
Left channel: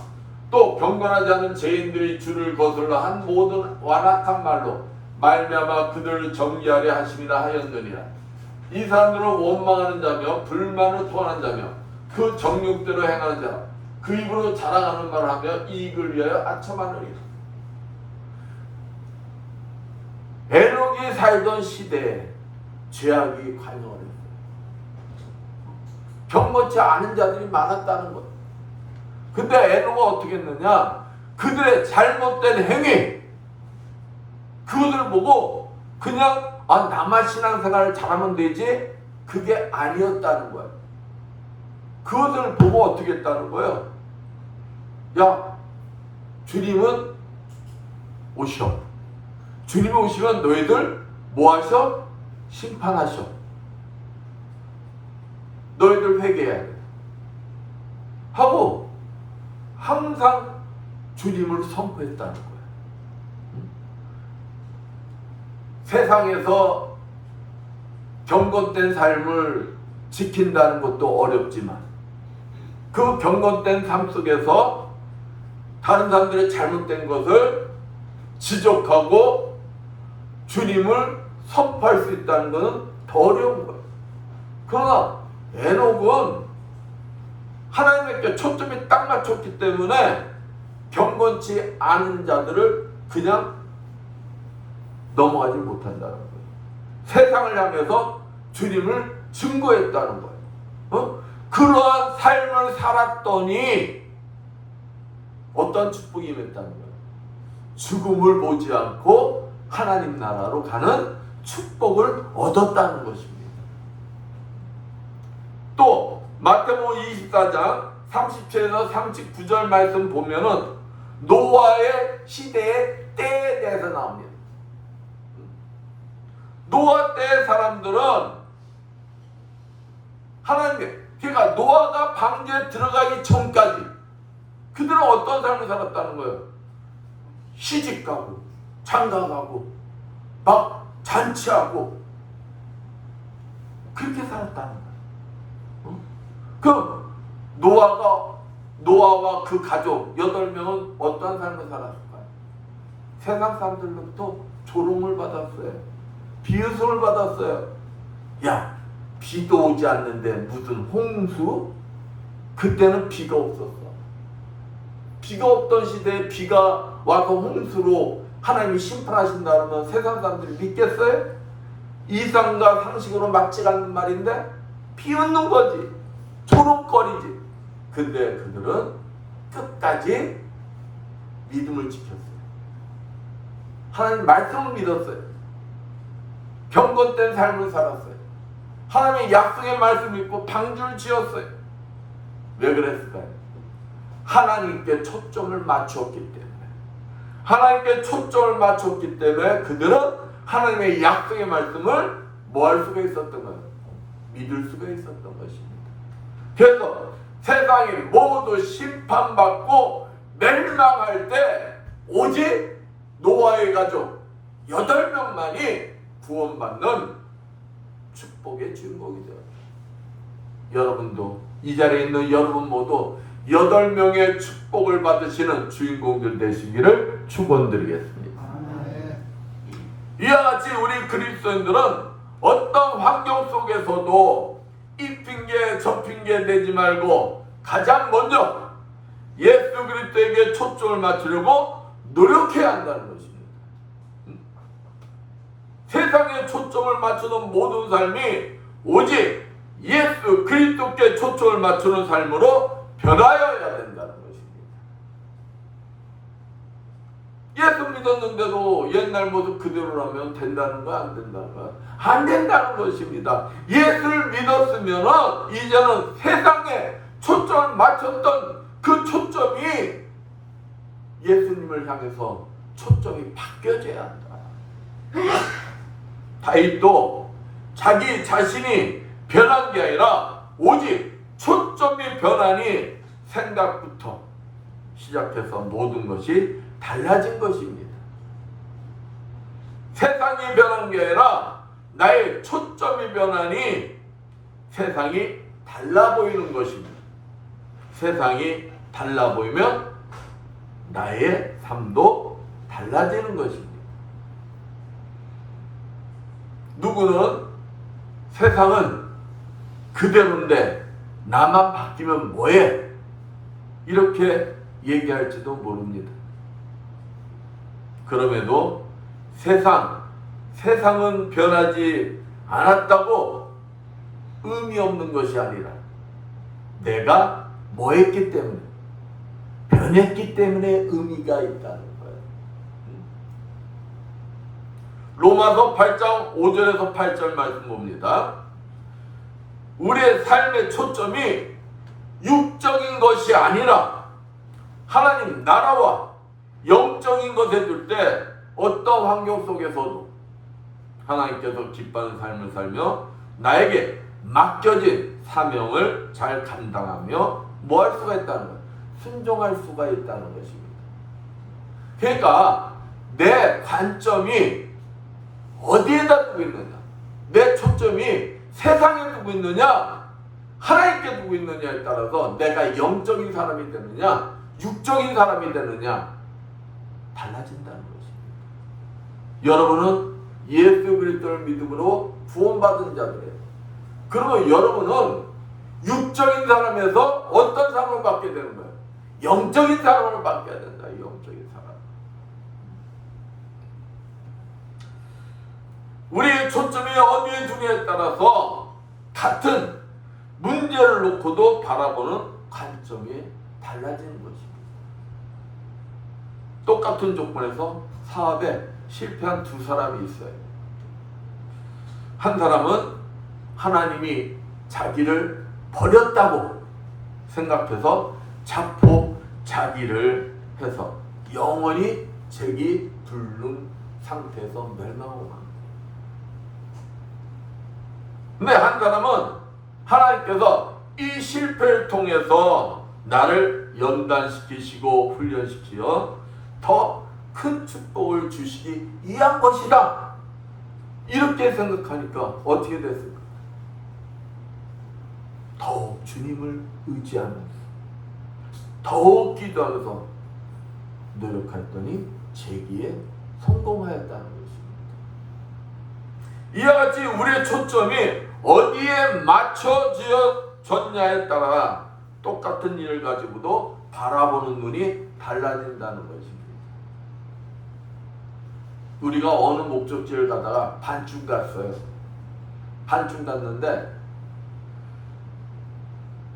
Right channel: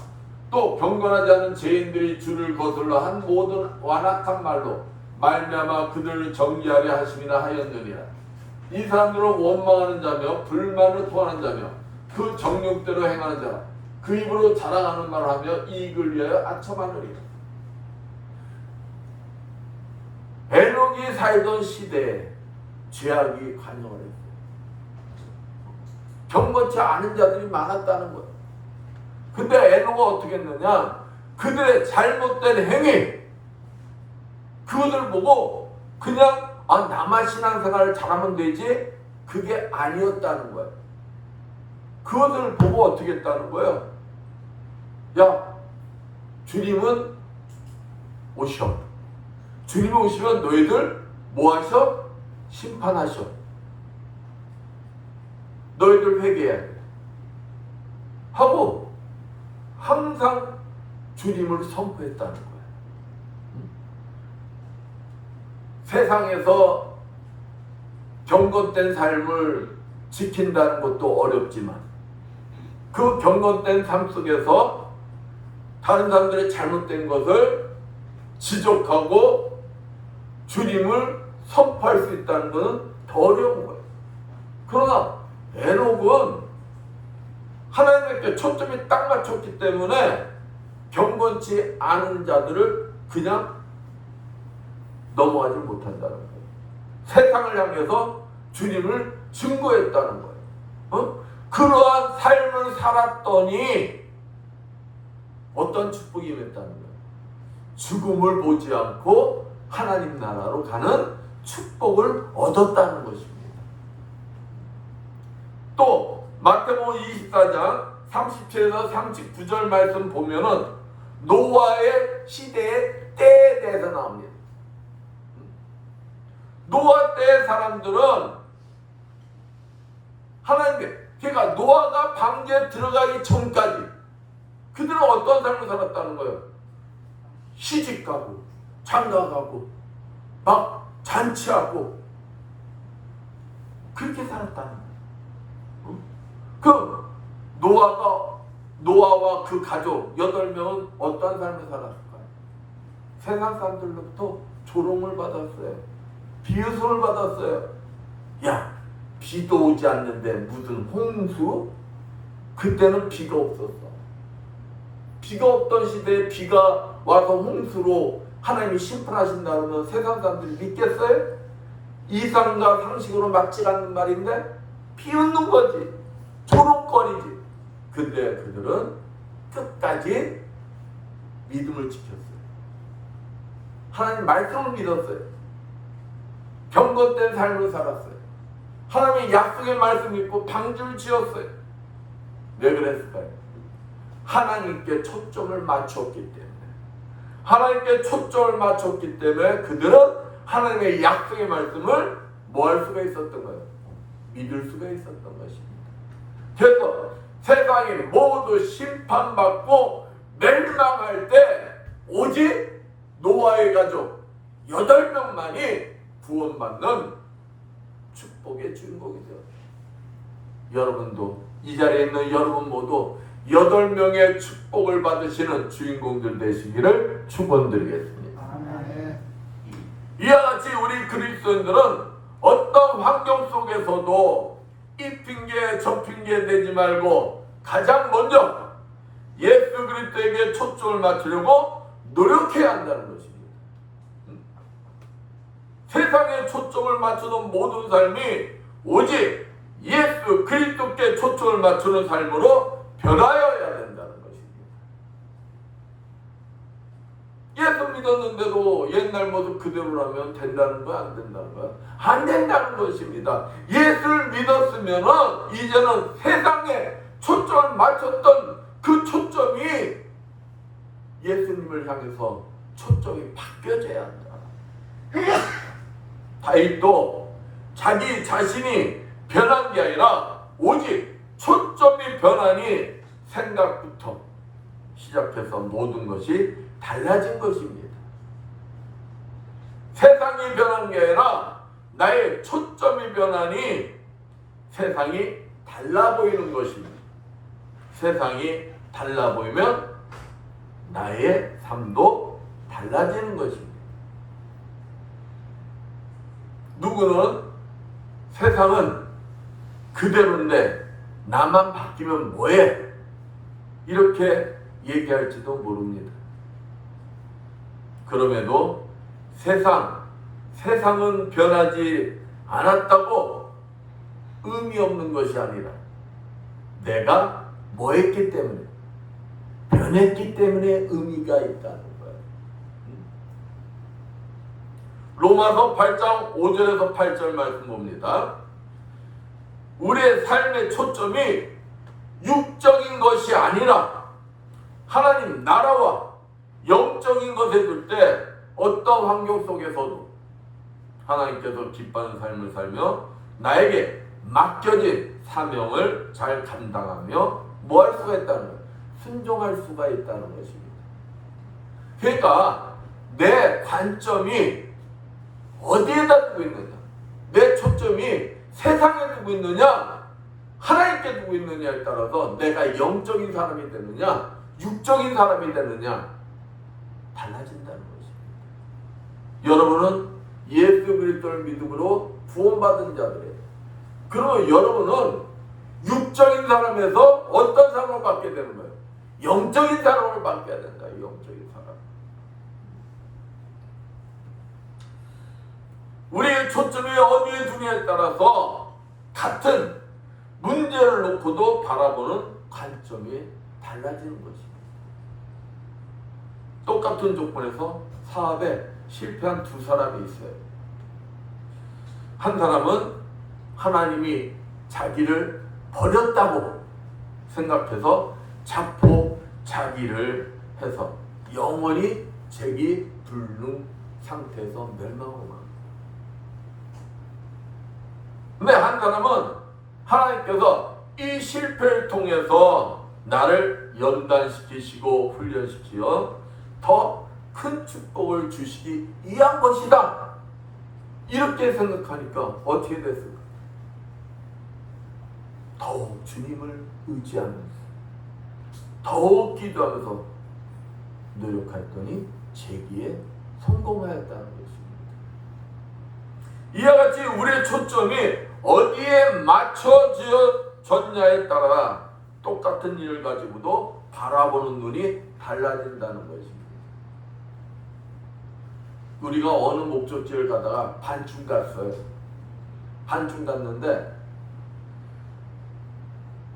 또 경건하지 않은 죄인들이 주를 거슬러 한 모든 완악한 말로 말미암아 그들을 정죄하려 하심이라 하였느니라. 이 사람들은 원망하는 자며 불만을 토하는 자며 그 정욕대로 행하는 자 그 입으로 자랑하는 말을 하며 이익을 위하여 아첨하느니라. 에녹이 살던 시대에 죄악이 관영을 했어요. 경건치 않은 자들이 많았다는 거예요. 근데 에노가 어떻게 했느냐? 그들의 잘못된 행위, 그것을 보고 그냥 나만 신앙생활을 잘하면 되지? 그게 아니었다는 거예요. 그것을 보고 어떻게 했다는 거예요? 야, 주님은 오셔. 주님이 오시면 너희들 뭐 하셔? 심판하셔. 너희들 회개해야 돼. 하고 항상 주님을 선포했다는 거예요. 세상에서 경건된 삶을 지킨다는 것도 어렵지만 그 경건된 삶 속에서 다른 사람들의 잘못된 것을 지적하고 주님을 선포할 수 있다는 것은 더 어려운 거예요. 그러나 에녹은 하나님께 초점이 딱 맞췄기 때문에 경건치 않은 자들을 그냥 넘어가지 못한다는 거예요. 세상을 향해서 주님을 증거했다는 거예요. 그러한 삶을 살았더니 어떤 축복이 임했다는 거예요. 죽음을 보지 않고 하나님 나라로 가는 축복을 얻었다는 것입니다. 또 마태복음 24장 37에서 39절 말씀 보면은 노아의 시대의 때에 대해서 나옵니다. 노아 때의 사람들은 하나님, 그러니까 노아가 방주에 들어가기 전까지 그들은 어떤 삶을 살았다는 거예요? 시집가고 장가가고 막 잔치하고 그렇게 살았다는 거예요. 그 노아와 그 가족 8명은 어떠한 삶을 살았을까요? 세상 사람들로부터 조롱을 받았어요. 비웃음을 받았어요. 야, 비도 오지 않는데 무슨 홍수? 그때는 비가 없었어. 비가 없던 시대에 비가 와서 홍수로 하나님이 심판하신다면 세상 사람들이 믿겠어요? 이상과 상식으로 맞지 않는 말인데 비웃는 거지. 조롱거리지. 근데 그들은 끝까지 믿음을 지켰어요. 하나님 말씀을 믿었어요. 경건된 삶을 살았어요. 하나님의 약속의 말씀 믿고 방주를 지었어요. 왜 그랬을까요? 하나님께 초점을 맞췄기 때문에. 하나님께 초점을 맞췄기 때문에 그들은 하나님의 약속의 말씀을 뭐 할 수가 있었던 거예요? 믿을 수가 있었던 것입니다. 그래서 세상이 모두 심판받고 멸망할 때 오직 노아의 가족 8명만이 구원받는 축복의 주인공이 되었습니다. 여러분도 이 자리에 있는 여러분 모두 8명의 축복을 받으시는 주인공들 되시기를 축원드리겠습니다. 이와 같이 우리 그리스도인들은 어떤 환경 속에서도 이 핑계 저 핑계 내지 말고 가장 먼저 예수 그리스도에게 초점을 맞추려고 노력해야 한다는 것입니다. 세상에 초점을 맞추는 모든 삶이 오직 예수 그리스도께 초점을 맞추는 삶으로 변화해야 된다는 것입니다. 예수 믿었는데도 옛날 모습 그대로라면 된다는 거 안 된다는 거? 안 된다는 것입니다. 예수를 믿었으면 이제는 세상에 초점을 맞췄던 그 초점이 예수님을 향해서 초점이 바뀌어져야 한다. 다윗도 자기 자신이 변한 게 아니라 오직 초점이 변하니 생각부터 시작해서 모든 것이 달라진 것입니다. 세상이 변한 게 아니라 나의 초점이 변하니 세상이 달라 보이는 것입니다. 세상이 달라 보이면 나의 삶도 달라지는 것입니다. 누구는 세상은 그대로인데 나만 바뀌면 뭐해? 이렇게 얘기할지도 모릅니다. 그럼에도 세상은 변하지 않았다고 의미 없는 것이 아니라 내가 뭐 했기 때문에, 변했기 때문에 의미가 있다는 거예요. 로마서 8장 5절에서 8절 말씀 봅니다. 우리의 삶의 초점이 육적인 것이 아니라 하나님 나라와 영적인 것에 둘 때 어떤 환경 속에서도 하나님께서 기뻐하는 삶을 살며 나에게 맡겨진 사명을 잘 감당하며 뭐 할 수가 있다는 거예요? 순종할 수가 있다는 것입니다. 그러니까 내 관점이 어디에다 두고 있느냐, 내 초점이 세상에 두고 있느냐 하나님께 두고 있느냐에 따라서 내가 영적인 사람이 되느냐 육적인 사람이 되느냐 달라진다는 것입니다. 여러분은 예수 그리스도를 믿음으로 구원받은 자들이에요. 그러면 여러분은 육적인 사람에서 어떤 사람을 받게 되는 거예요? 영적인 사람을 받게 된다. 영적인 사람. 우리의 초점이 어디에 두냐에 따라서 같은 문제를 놓고도 바라보는 관점이 달라지는 것입니다. 똑같은 조건에서 사업에 실패한 두 사람이 있어요. 한 사람은 하나님이 자기를 버렸다고 생각해서 자포자기를 해서 영원히 재기 불능 상태에서 멸망하고 맙니다. 근데 한 사람은 하나님께서 이 실패를 통해서 나를 연단시키시고 훈련시키어 더 큰 축복을 주시기 위한 것이다. 이렇게 생각하니까 어떻게 됐을까? 더욱 주님을 의지하면서 더욱 기도하면서 노력했더니 재기에 성공하였다는 것입니다. 이와 같이 우리의 초점이 어디에 맞춰졌냐에 따라 똑같은 일을 가지고도 바라보는 눈이 달라진다는 것입니다. 우리가 어느 목적지를 가다가 반쯤 갔어요. 반쯤 갔는데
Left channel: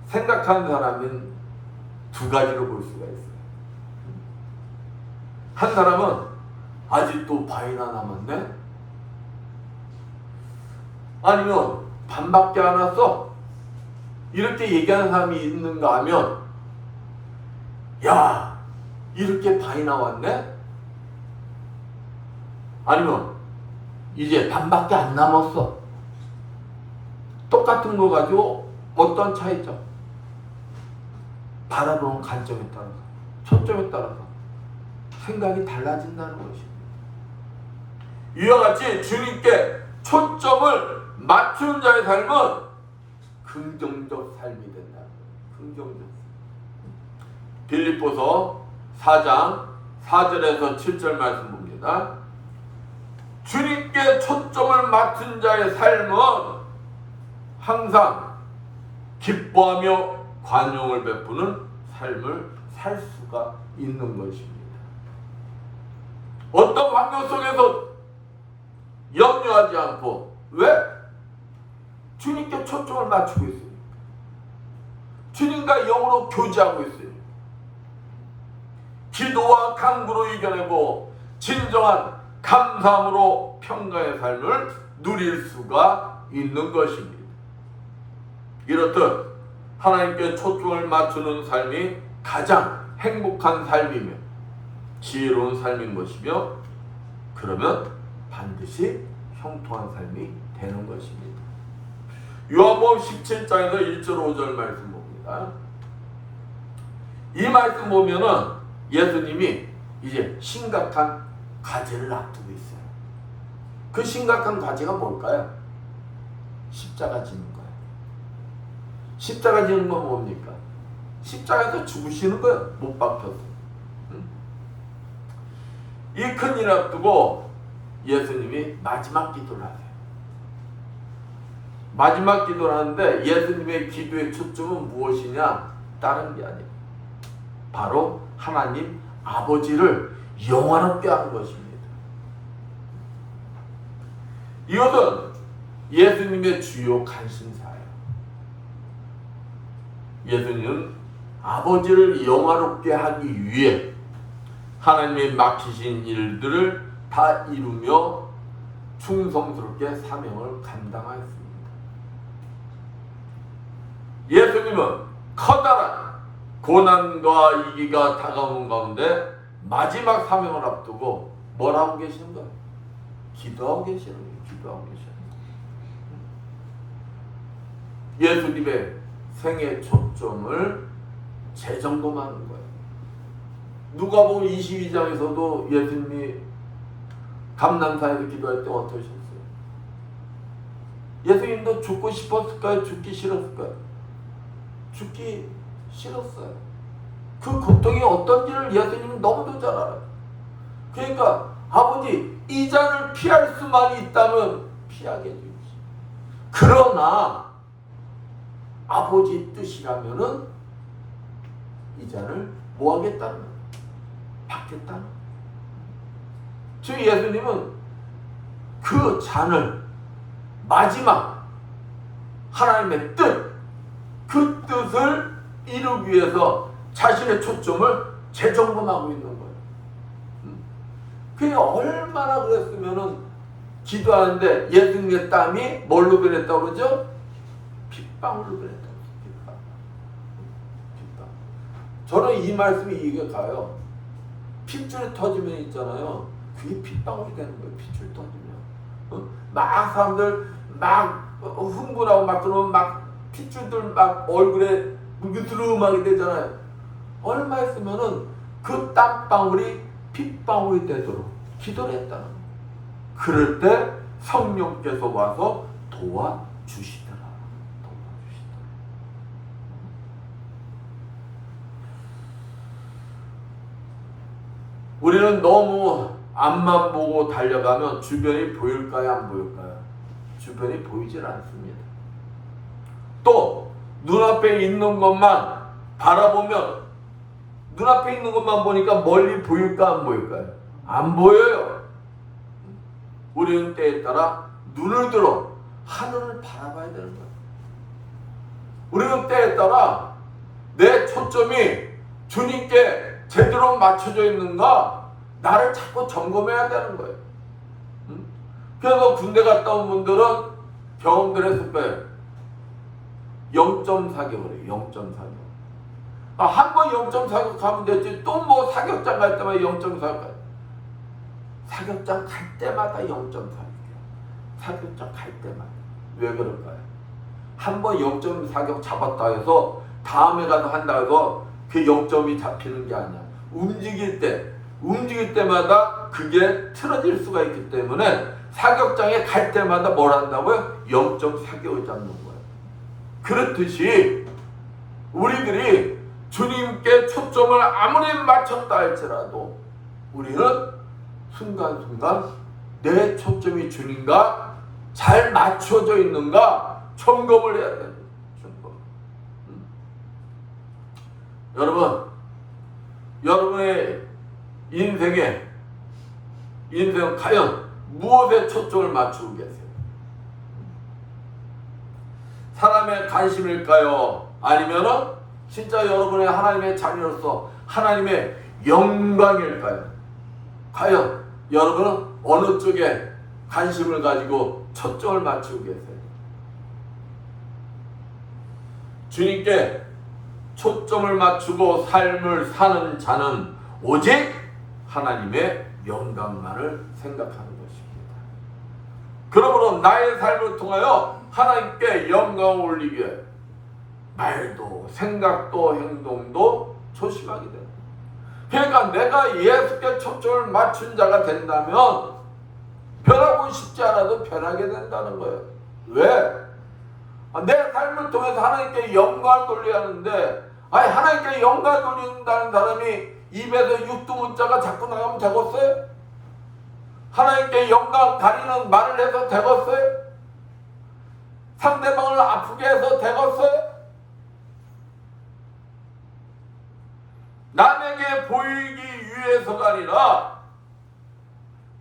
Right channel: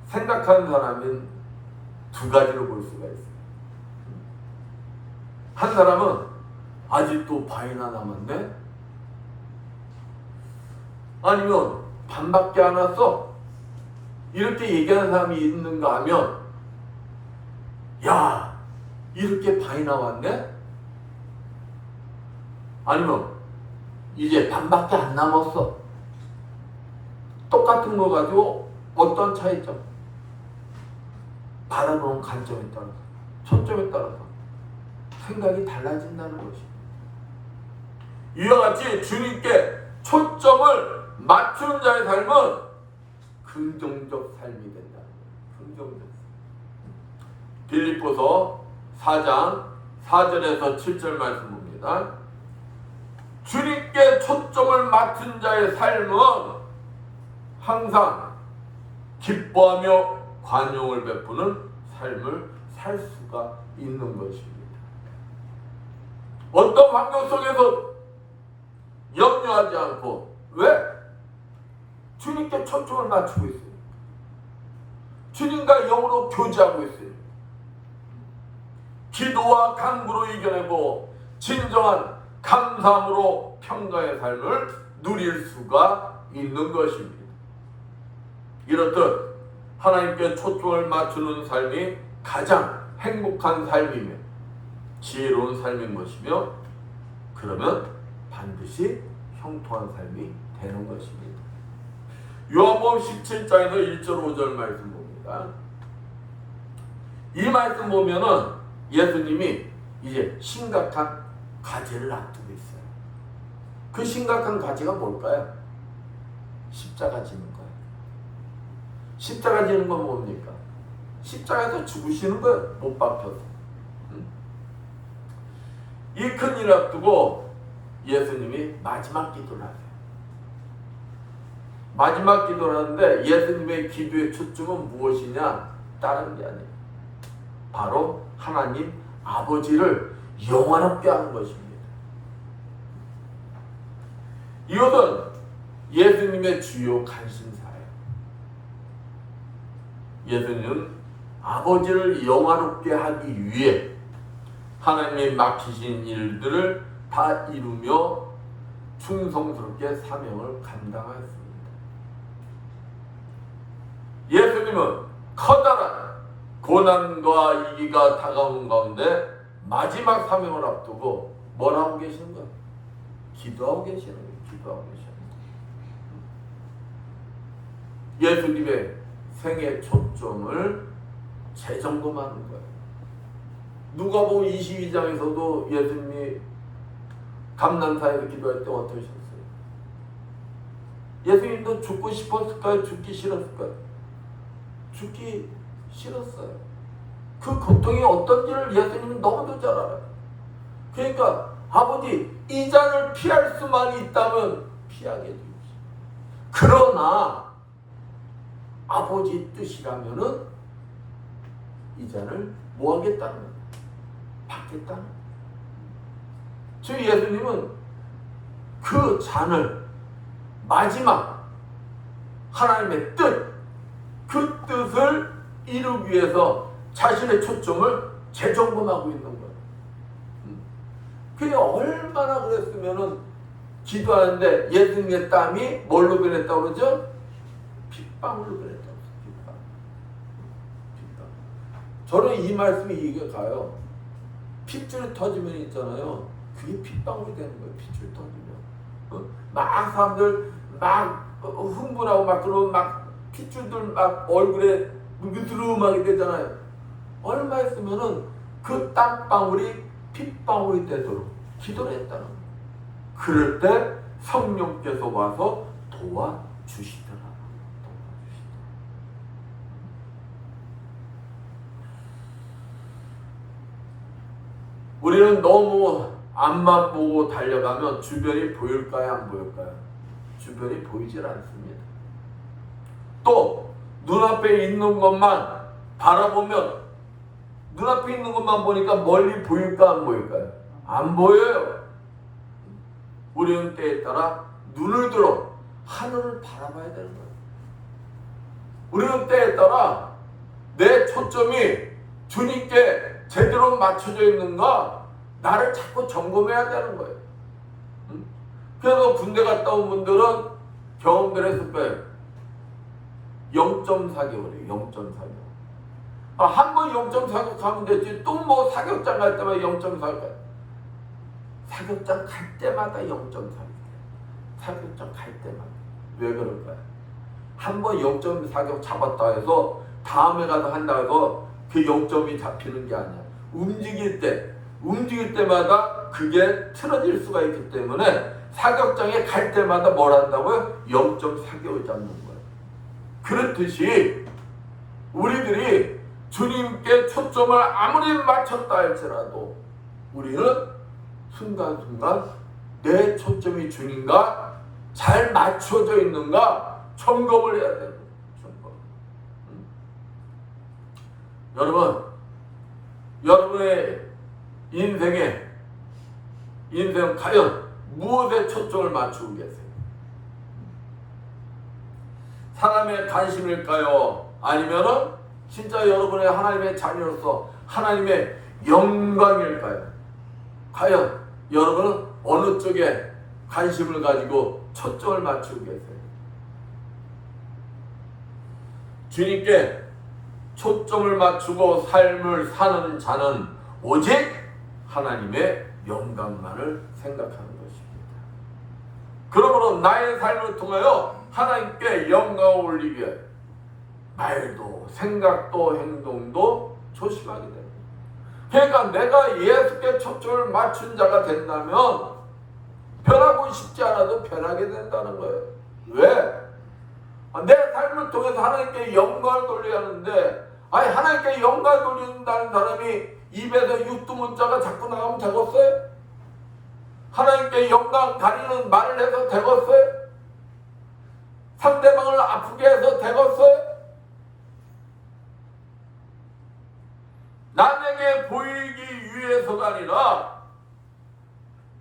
생각하는 사람은 두 가지로 볼 수가 있어요. 한 사람은 아직도 반이나 남았네? 아니면 반밖에 안 왔어? 이렇게 얘기하는 사람이 있는가 하면 야, 이렇게 반이 나왔네? 아니면 이제 반밖에 안 남았어. 똑같은 거 가지고 어떤 차이점? 바라보는 관점에 따라서, 초점에 따라서 생각이 달라진다는 것입니다. 이와 같이 주님께 초점을 맞추는 자의 삶은 긍정적 삶이 된다. 긍정적. 빌립보서 4장 4절에서 7절 말씀 봅니다. 주님께 초점을 맞춘 자의 삶은 항상 기뻐하며 관용을 베푸는 삶을 살 수가 있는 것입니다. 어떤 환경 속에서 염려하지 않고, 왜? 주님께 초점을 맞추고 있어요. 주님과 영으로 교제하고 있어요. 기도와 간구로 이겨내고 진정한 감사함으로 평강의 삶을 누릴 수가 있는 것입니다. 이렇듯 하나님께 초점을 맞추는 삶이 가장 행복한 삶이며 지혜로운 삶인 것이며, 그러면 반드시 형통한 삶이 되는 것입니다. 요한복음 17장에서 1절 5절 말씀 봅니다. 이 말씀 보면은 예수님이 이제 심각한 과제를 앞두고 있어요. 그 심각한 과제가 뭘까요? 십자가 지는 거예요. 십자가 지는 건 뭡니까? 십자가에서 죽으시는 거예요. 못 박혀서. 이 큰 일을 앞두고 예수님이 마지막 기도를 하세요. 마지막 기도를 하는데 예수님의 기도의 초점은 무엇이냐? 다른 게 아니에요. 바로 하나님 아버지를 영원롭게 하는 것입니다. 이것은 예수님의 주요 관심사예요. 예수님은 아버지를 영화롭게 하기 위해 하나님의 맡기신 일들을 다 이루며 충성스럽게 사명을 감당하였습니다. 예수님은 커다란 고난과 위기가 다가오는 가운데 마지막 사명을 앞두고 뭘 하고 계시는 거예요? 기도하고 계시는 거예요. 기도하고 계시는 거예요. 예수님의 생애 초점을 재점검하는 거예요. 누가복음 22장에서도 예수님이 감난사에서 기도할 때 어떠셨어요? 예수님도 죽고 싶었을까요? 죽기 싫었을까요? 죽기 싫었어요. 그 고통이 어떤지를 예수님은 너무도 잘 알아요. 그러니까 아버지, 이 잔을 피할 수만 있다면 피하게 해주십시오. 그러나 아버지 뜻이라면은 이 잔을 뭐 하겠다는 거예요? 받겠다는 거예요. 저 예수님은 그 잔을 마지막 하나님의 뜻, 그 뜻을 이루기 위해서 자신의 초점을 재점검하고 있는 거예요. 그게 얼마나 그랬으면은 기도하는데 예수님의 땀이 뭘로 변했다고 그러죠? 핏방울로 변했다고. 핏방. 저는 이 말씀이 이해가 가요. 핏줄이 터지면 있잖아요. 그게 핏방울이 되는 거예요. 핏줄이 터지면. 막 사람들 막 흥분하고 막 그러면 막 핏줄들 막 얼굴에 느드름하게 되잖아요. 얼마 있으면은 그 땀방울이 핏방울이 되도록 기도를 했다는 거예요. 그럴 때 성령께서 와서 도와주시더라. 우리는 너무 앞만 보고 달려가면 주변이 보일까요? 안 보일까요? 주변이 보이질 않습니다. 또 눈앞에 있는 것만 바라보면 눈앞에 있는 것만 보니까 멀리 보일까 안 보일까요? 안 보여요. 우리는 때에 따라 눈을 들어 하늘을 바라봐야 되는 거예요. 우리는 때에 따라 내 초점이 주님께 제대로 맞춰져 있는가 나를 자꾸 점검해야 되는 거예요. 그래서 군대 갔다 온 분들은 경험들 했을 거예요. 0.4개월이에요. 0.4개월. 한 번 0.4개월 가면 되지 또 뭐 사격장 갈 때마다 0.4개월. 사격장 갈 때마다 0.4개월. 사격장 갈 때마다. 왜 그럴까요? 한 번 0.4개월 잡았다 해서 다음에 가서 한다 해서 그 0점이 잡히는 게 아니야. 움직일 때마다 그게 틀어질 수가 있기 때문에 사격장에 갈 때마다 뭘 한다고요? 0.4개월 잡는 거예요. 그렇듯이 우리들이 주님께 초점을 아무리 맞췄다 할지라도 우리는 순간순간 내 초점이 주님과 잘 맞춰져 있는가 점검을 해야 됩니다. 점검. 여러분의 인생 과연 무엇에 초점을 맞추고 계세요? 사람의 관심일까요? 아니면은 진짜 여러분의 하나님의 자녀로서 하나님의 영광일까요? 과연 여러분은 어느 쪽에 관심을 가지고 초점을 맞추고 계세요? 주님께 초점을 맞추고 삶을 사는 자는 오직 하나님의 영광만을 생각하는 것입니다. 그러므로 나의 삶을 통하여 하나님께 영광을 올리기 위해 말도 생각도 행동도 조심하게 됩니다. 그러니까 내가 예수께 초점을 맞춘 자가 된다면 변하고 싶지 않아도 변하게 된다는 거예요. 왜? 내 삶을 통해서 하나님께 영광을 돌려야 하는데 하나님께 영광을 돌린다는 사람이 입에서 육두문자가 자꾸 나가면 되겠어요? 하나님께 영광 가리는 말을 해서 되겠어요? 상대방을 아프게 해서 되겠어요? 남에게 보이기 위해서가 아니라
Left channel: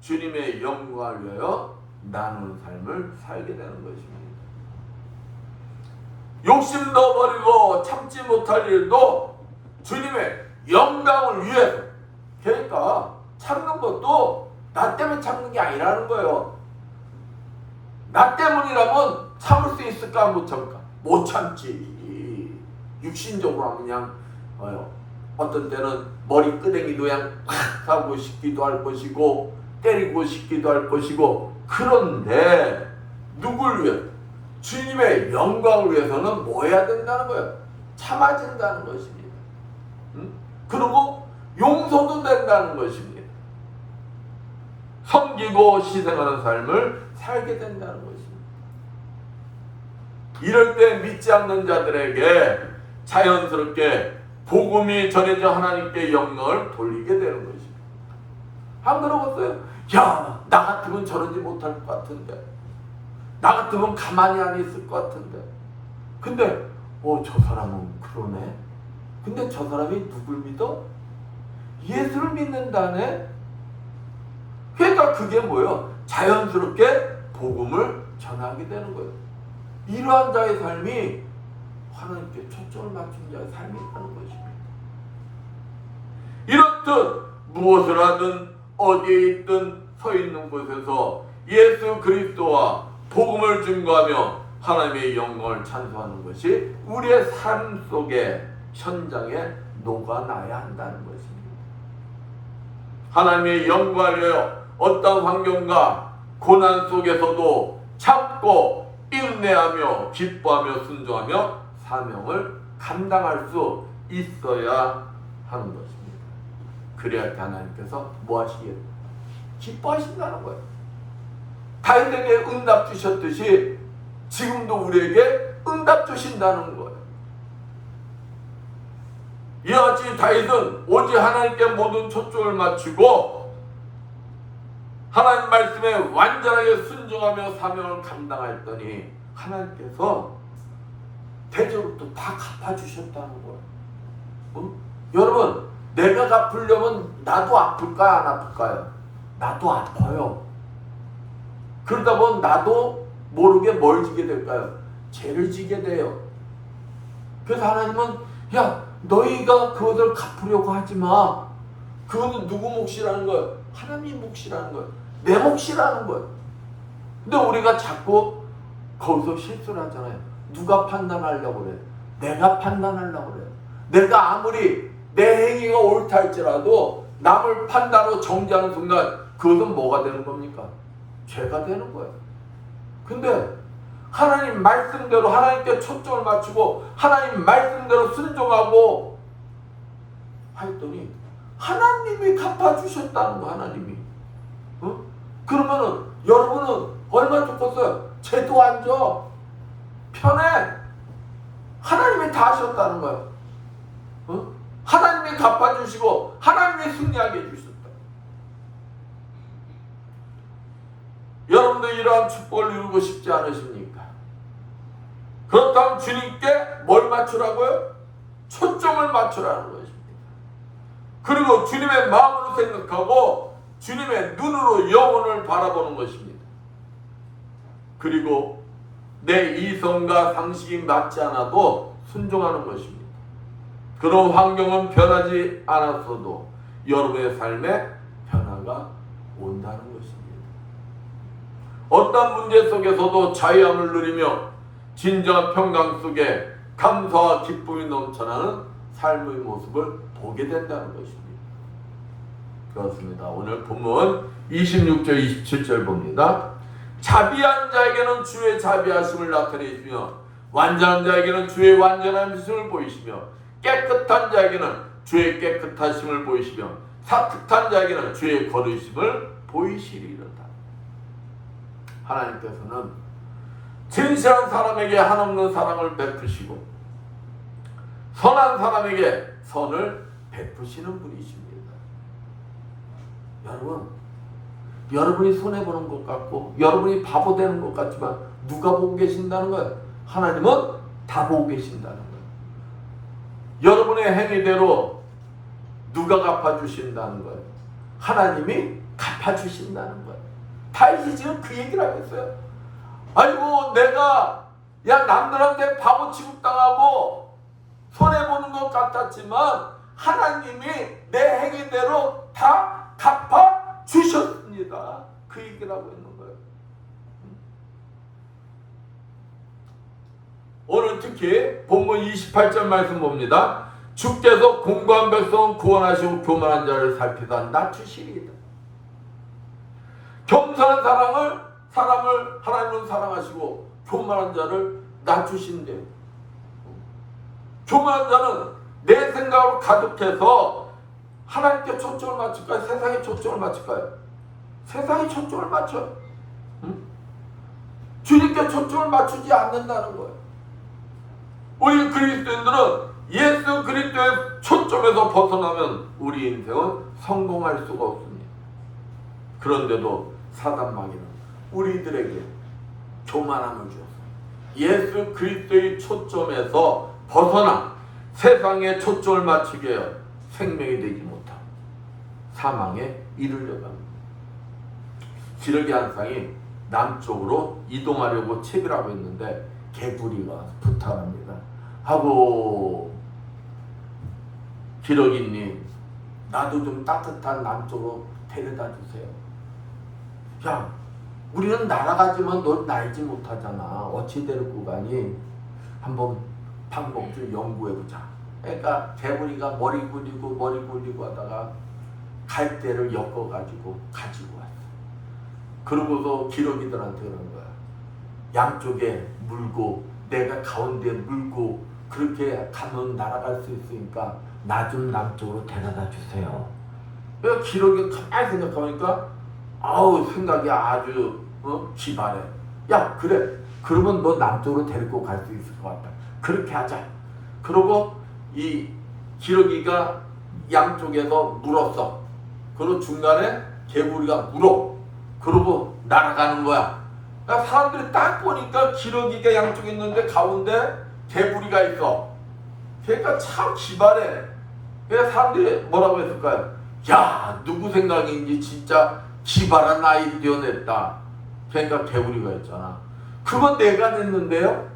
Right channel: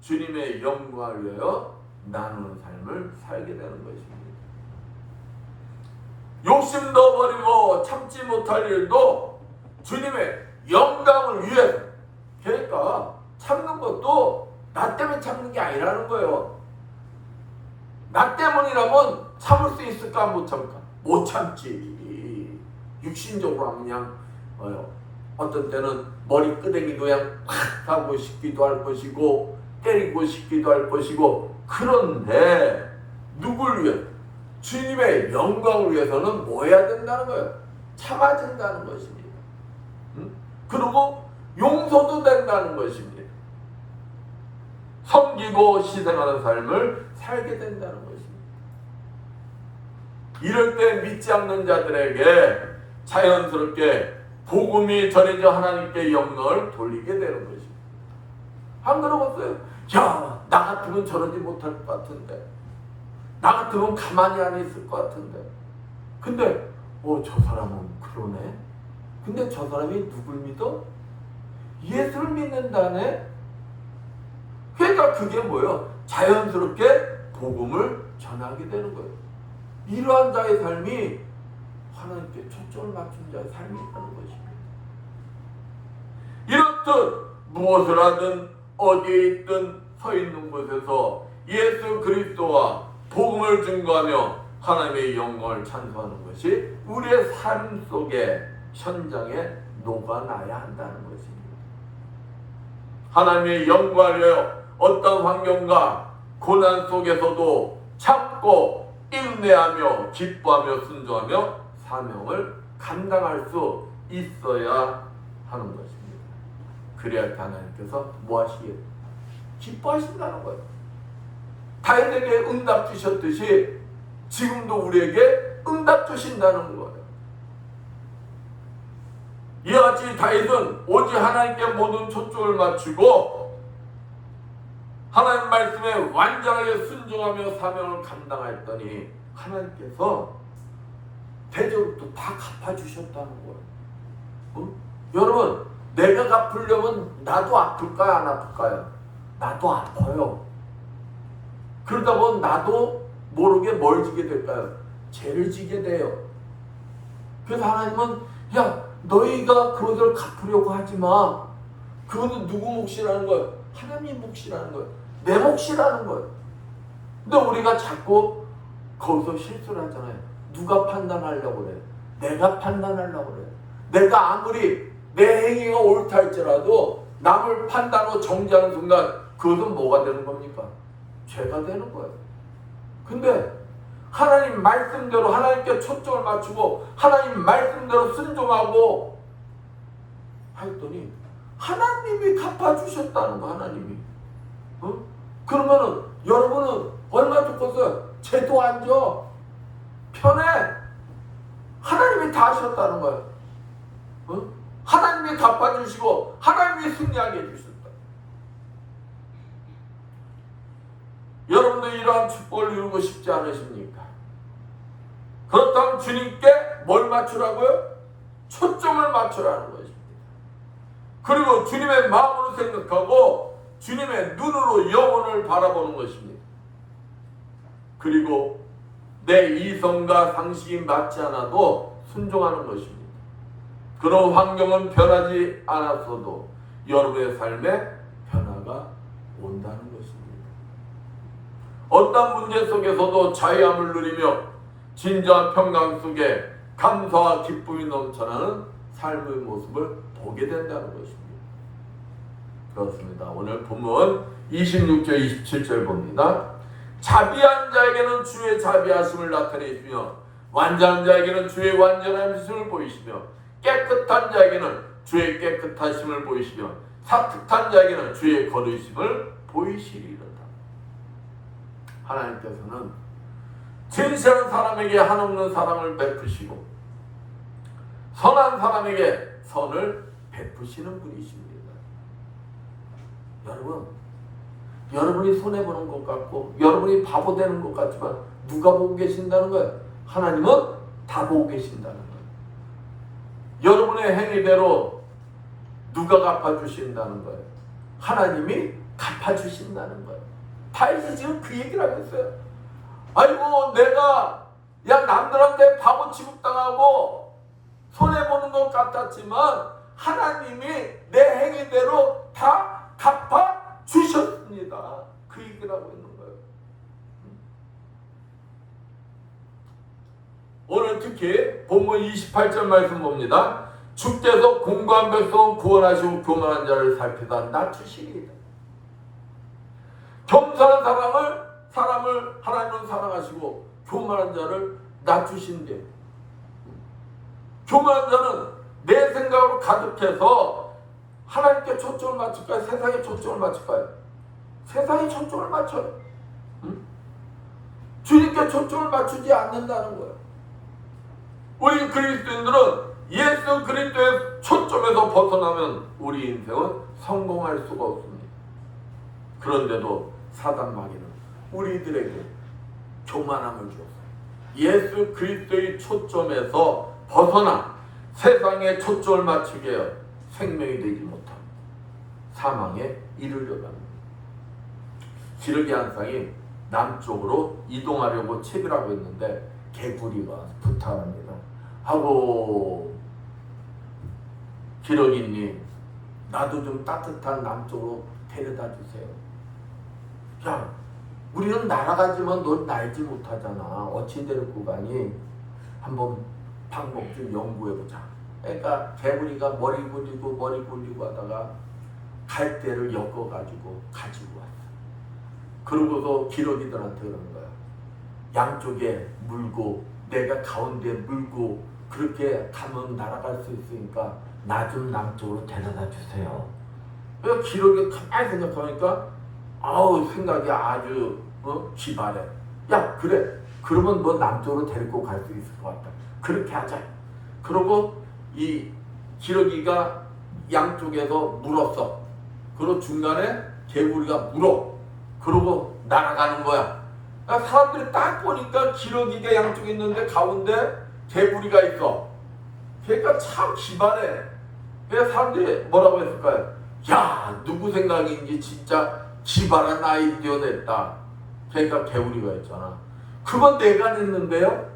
주님의 영광을 위하여 나누는 삶을 살게 되는 것입니다. 욕심도 버리고 참지 못할 일도 주님의 영광을 위해서. 그러니까 참는 것도 나 때문에 참는 게 아니라는 거예요. 나 때문이라면 참을 수 있을까? 못 참을까? 못 참지. 육신적으로 그냥 어떤 때는 머리 끄댕이도 그냥 팍 하고 싶기도 할 것이고 때리고 싶기도 할 것이고. 그런데 누굴 위해? 주님의 영광을 위해서는 뭐 해야 된다는 거예요? 참아준다는 것입니다. 그리고 용서도 된다는 것입니다. 섬기고 희생하는 삶을 살게 된다는 것입니다. 이럴 때 믿지 않는 자들에게 자연스럽게 복음이 전해져 하나님께 영광을 돌리게 되는 것입니다. 안 그러겠어요? 야, 나 같으면 저러지 못할 것 같은데, 나 같으면 가만히 안 있을 것 같은데, 근데 저 사람은 그러네. 근데 저 사람이 누굴 믿어? 예수를 믿는다네. 그러니까 그게 뭐예요? 자연스럽게 복음을 전하게 되는 거예요. 이러한 자의 삶이 하나님께 초점을 맞춘 자의 삶이라는 것입니다. 이렇듯 무엇을 하든 어디에 있든 서 있는 곳에서 예수 그리스도와 복음을 증거하며 하나님의 영광을 찬송하는 것이 우리의 삶 속에 현장에 녹아나야 한다는 것입니다. 하나님의 영광을 위하여 어떤 환경과 고난 속에서도 참고 인내하며 기뻐하며 순종하며 사명을 감당할 수 있어야 하는 것입니다. 그래야 하나님께서 뭐 하시겠어요? 기뻐하신다는 거예요. 다윗에게 응답 주셨듯이 지금도 우리에게 응답 주신다는 거예요. 이와 같이 다윗은 오직 하나님께 모든 초점을 맞추고 하나님 말씀에 완전하게 순종하며 사명을 감당하였더니 하나님께서 대접도 다 갚아주셨다는 거예요. 여러분, 내가 갚으려면 나도 아플까요? 안 아플까요? 나도 아파요. 그러다 보면 나도 모르게 뭘 지게 될까요? 죄를 지게 돼요. 그래서 하나님은 야, 너희가 그것을 갚으려고 하지 마. 그것은 누구 몫이라는 거예요? 하나님 몫이라는 거예요. 내 몫이라는 거예요. 근데 우리가 자꾸 거기서 실수를 하잖아요. 누가 판단하려고 그래? 내가 판단하려고 그래. 내가 아무리 내 행위가 옳다 할지라도 남을 판단하고 정죄하는 순간 그것은 뭐가 되는 겁니까? 죄가 되는 거예요. 근데 하나님 말씀대로 하나님께 초점을 맞추고 하나님 말씀대로 순종하고 하였더니 하나님이 갚아주셨다는 거. 하나님이. 그러면은 여러분은 얼마나 좋겠어요? 죄도 안 져. 편해. 하나님이 다 하셨다는 거예요. 하나님이 갚아주시고 하나님이 승리하게 해주셨다. 여러분도 이러한 축복을 이루고 싶지 않으십니까? 그렇다면 주님께 뭘 맞추라고요? 초점을 맞추라는 것입니다. 그리고 주님의 마음으로 생각하고 주님의 눈으로 영혼을 바라보는 것입니다. 그리고 내 이성과 상식이 맞지 않아도 순종하는 것입니다. 그런 환경은 변하지 않았어도 여러분의 삶에 변화가 온다는 것입니다. 어떤 문제 속에서도 자유함을 누리며 진정한 평강 속에 감사와 기쁨이 넘쳐나는 삶의 모습을 보게 된다는 것입니다. 그렇습니다. 오늘 본문 26절 27절 봅니다. 자비한 자에게는 주의 자비하심을 나타내시며 완전한 자에게는 주의 완전하심을 보이시며 깨끗한 자에게는 주의 깨끗하심을 보이시며 사특한 자에게는 주의 거룩하심을 보이시리로다. 하나님께서는 진실한 사람에게 한없는 사랑을 베푸시고 선한 사람에게 선을 베푸시는 분이십니다. 여러분, 여러분이 손해보는 것 같고 여러분이 바보 되는 것 같지만 누가 보고 계신다는 거예요? 하나님은 다 보고 계신다는 거예요. 여러분의 행위대로 누가 갚아주신다는 거예요? 하나님이 갚아주신다는 거예요. 다윗이 지금 그 얘기를 하고 있어요. 아이고, 내가 남들한테 바보 취급당하고 손해보는 것 같았지만 하나님이 내 행위대로 다 갚아 주셨습니다. 그 얘기를 하고 있는 거예요. 오늘 특히 본문 28절 말씀 봅니다. 주께서 공고한 백성은 구원하시고 교만한 자를 살피사 낮추시리이다. 겸손한 사람을 하나님은 사랑하시고 교만한 자를 낮추신대요. 교만한 자는 내 생각으로 가득해서 하나님께 초점을 맞출까요? 세상에 초점을 맞출까요? 세상에 초점을 맞춰요. 주님께 초점을 맞추지 않는다는 거예요. 우리 그리스도인들은 예수 그리스도의 초점에서 벗어나면 우리 인생은 성공할 수가 없습니다. 그런데도 사단 마귀는 우리들에게 교만함을 주었어요. 예수 그리스도의 초점에서 벗어나 세상에 초점을 맞추게 해요. 생명이 되지 못하고 사망에 이르려고 합니다. 기러기 한 쌍이 남쪽으로 이동하려고 채비라고 했는데 개구리가 부탁합니다. 하고 기러기님 나도 좀 따뜻한 남쪽으로 데려다 주세요. 야 우리는 날아가지만 넌 날지 못하잖아. 어찌 데리고 가니? 한번 방법 좀 연구해보자. 그러니까 개구리가 머리 굴리고 하다가 갈대를 엮어가지고 가지고 왔어. 그러고서 기러기들한테 그러는 거야. 양쪽에 물고 내가 가운데 물고 그렇게 가면 날아갈 수 있으니까 나 좀 남쪽으로 데려다 주세요. 그러니까 기러기가 가만히 생각하니까 아우 생각이 아주 기발해. 야 그래 그러면 너 남쪽으로 데리고 갈 수 있을 것 같다. 그렇게 하자. 그러고 이 기러기가 양쪽에서 물었어. 그리고 중간에 개구리가 물어. 그러고 날아가는 거야. 그러니까 사람들이 딱 보니까 기러기가 양쪽에 있는데 가운데 개구리가 있어. 그러니까 참 기발해. 그래서 사람들이 뭐라고 했을까요? 야 누구 생각인지 진짜 기발한 아이디어 냈다. 그러니까 개구리가 했잖아. 그건 내가 냈는데요.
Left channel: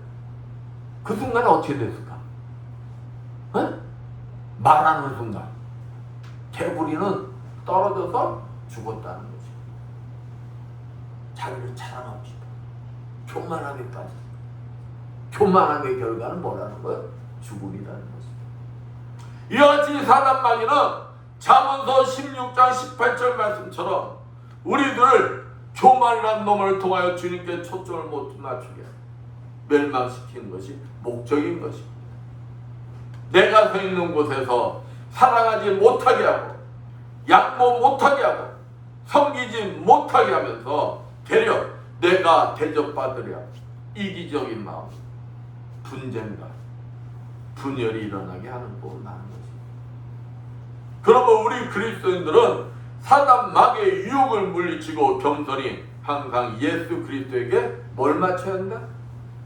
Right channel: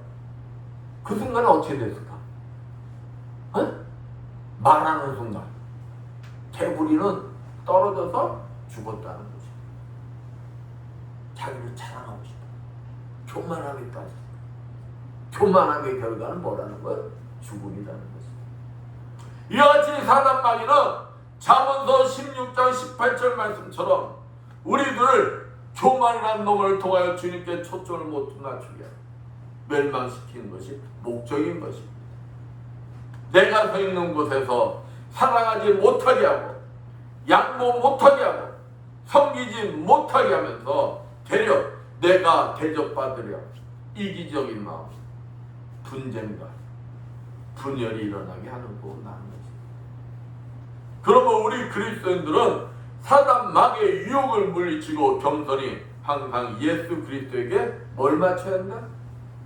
그 순간에 어떻게 됐을까? 말하는 순간 개구리는 떨어져서 죽었다는 거지. 자기를 자랑하고 싶어. 교만함에 빠졌어. 교만함의 결과는 뭐라는 거야? 죽음이라는 거지. 이와 같이 사단 마귀는 잠언서 16장 18절 말씀처럼 우리들을 교만이라는 놈을 통하여 주님께 초점을 못 맞추게 멸망시키는 것이 목적인 것입니다. 내가 서 있는 곳에서 사랑하지 못하게 하고 양보 못하게 하고 섬기지 못하게 하면서 되려 내가 대접받으려 이기적인 마음, 분쟁과 분열이 일어나게 하는 법은 나는 것입니다. 그러면 우리 그리스도인들은 사단 마귀의 유혹을 물리치고 겸손히 항상 예수 그리스도에게 뭘 맞춰야 한다?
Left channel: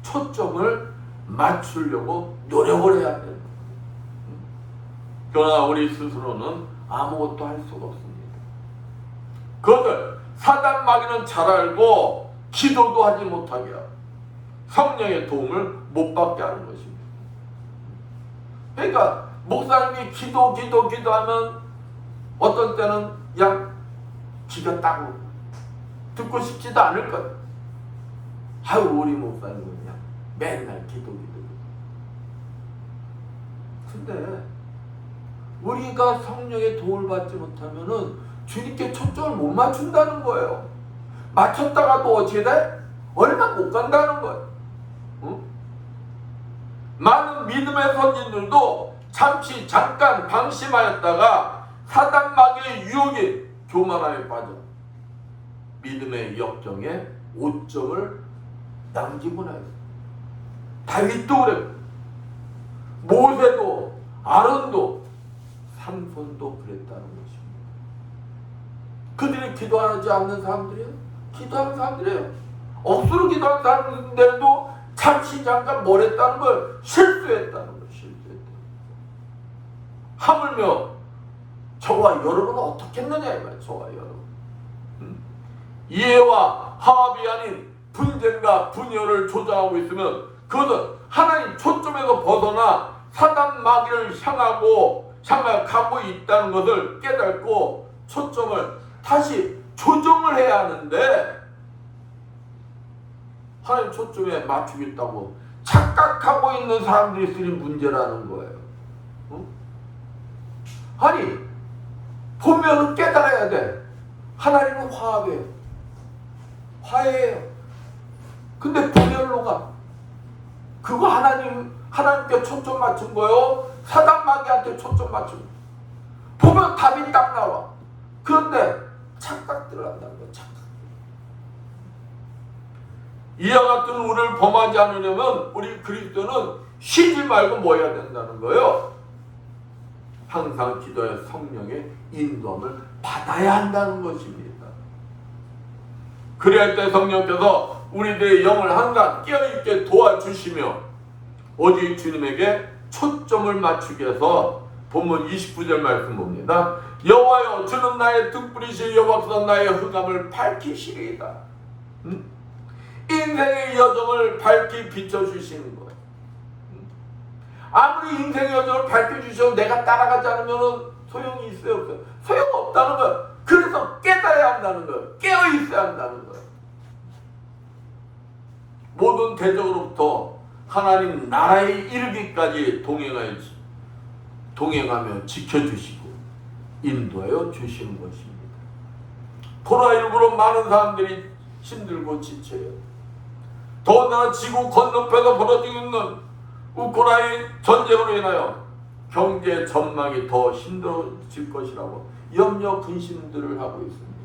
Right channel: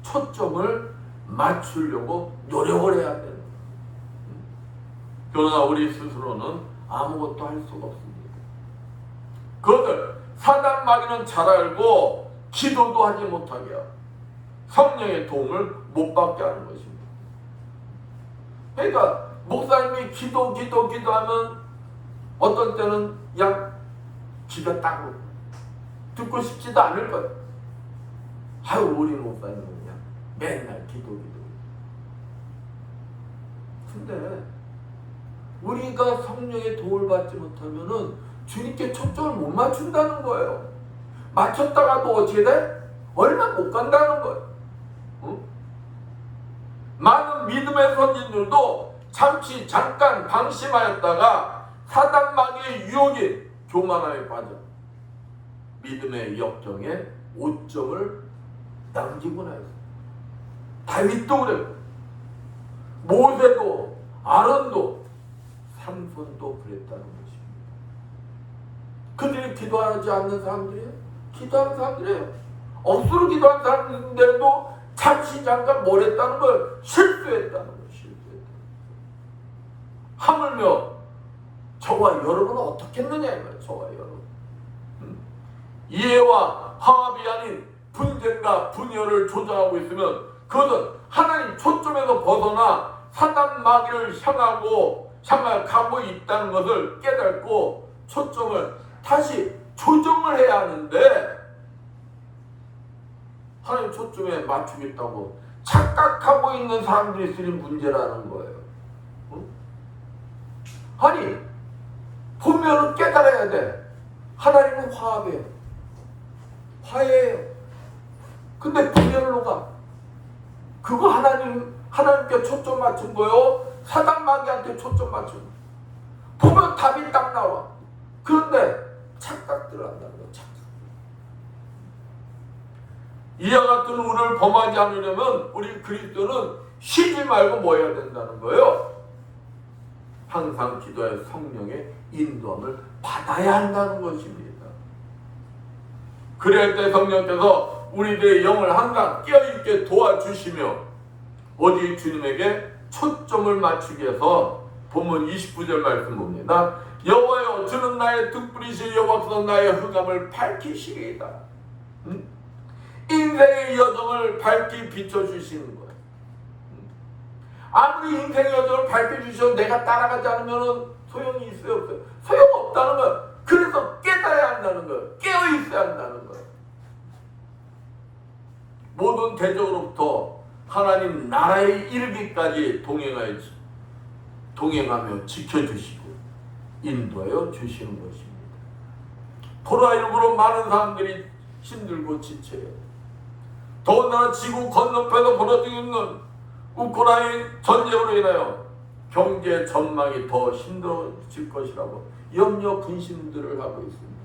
초점을 맞추려고 노력을 해야 된다. 그러나 우리 스스로는 아무것도 할 수가 없습니다. 그것을 사단 마귀는 잘 알고 기도도 하지 못하게 하고 성령의 도움을 못 받게 하는 것입니다. 그러니까 목사님이 기도하면 어떤 때는 그냥 기가 따고 듣고 싶지도 않을 거예요. 아유 우리 목사님은 그냥 맨날 기도. 근데 우리가 성령의 도움을 받지 못하면은 주님께 초점을 못 맞춘다는 거예요. 맞췄다가도 어떻게 돼? 얼마 못 간다는 거예요. 응? 많은 믿음의 선진들도 잠깐 방심하였다가 사단 마귀의 유혹에 교만함에 빠져 믿음의 역정에 오점을 남기고 나요. 다윗도 그랬고 모세도 아론도 삼손도 그랬다는 것입니다. 그들이 기도하지 않는 사람들이에요? 기도하는 사람들이에요. 억수로 기도하는 사람들인데도 잠깐 뭘 했다는 걸 실수했다는 걸 하물며 저와 여러분은 어떻게 했느냐 이 말이에요. 저와 여러분. 이해와 화합이 아닌 분쟁과 분열을 조장하고 있으면 그것은 하나님 초점에서 벗어나 사단 마귀를 향하여 가고 있다는 것을 깨닫고 초점을 다시 조정을 해야 하는데, 하나님 초점에 맞추겠다고 착각하고 있는 사람들이 있으니 문제라는 거예요. 응? 아니, 보면은 깨달아야 돼. 하나님은 화해예요. 근데 분열로가 그거 하나님께 초점 맞춘 거요. 사단 마귀한테 초점 맞춘 거. 보면 답이 딱 나와. 그런데 착각들을 한다는 거야. 착각. 이와 같은 운을 범하지 않으려면 우리 그리스도는 쉬지 말고 뭐 해야 된다는 거예요. 항상 기도해 성령의 인도함을 받아야 한다는 것입니다. 그럴 때 성령께서 우리들의 영을 항상 깨어있게 도와주시며 오직 주님에게 초점을 맞추게 해서 본문 29절 말씀 봅니다. 여호와여, 주는 나의 등불이시여, 여호와께서 나의 흑암을 밝히시리이다. 인생의 여정을 밝히 비춰주시는 거예요. 아무리 인생의 여정을 밝혀주셔도 내가 따라가지 않으면 소용이 있어요, 없어요? 소용없다는 거예요. 그래서 깨달아야 한다는 거예요. 깨어있어야 한다는 거예요. 모든 대적으로부터 하나님 나라에 이르기까지 동행하며 지켜주시고 인도하여 주시는 것입니다. 코로나19로 많은 사람들이 힘들고 지쳐요. 더군다나 지구 건너편에서 벌어지고 있는 우크라이나 전쟁으로 인하여 경제 전망이 더 힘들어질 것이라고 염려 근심들을 하고 있습니다.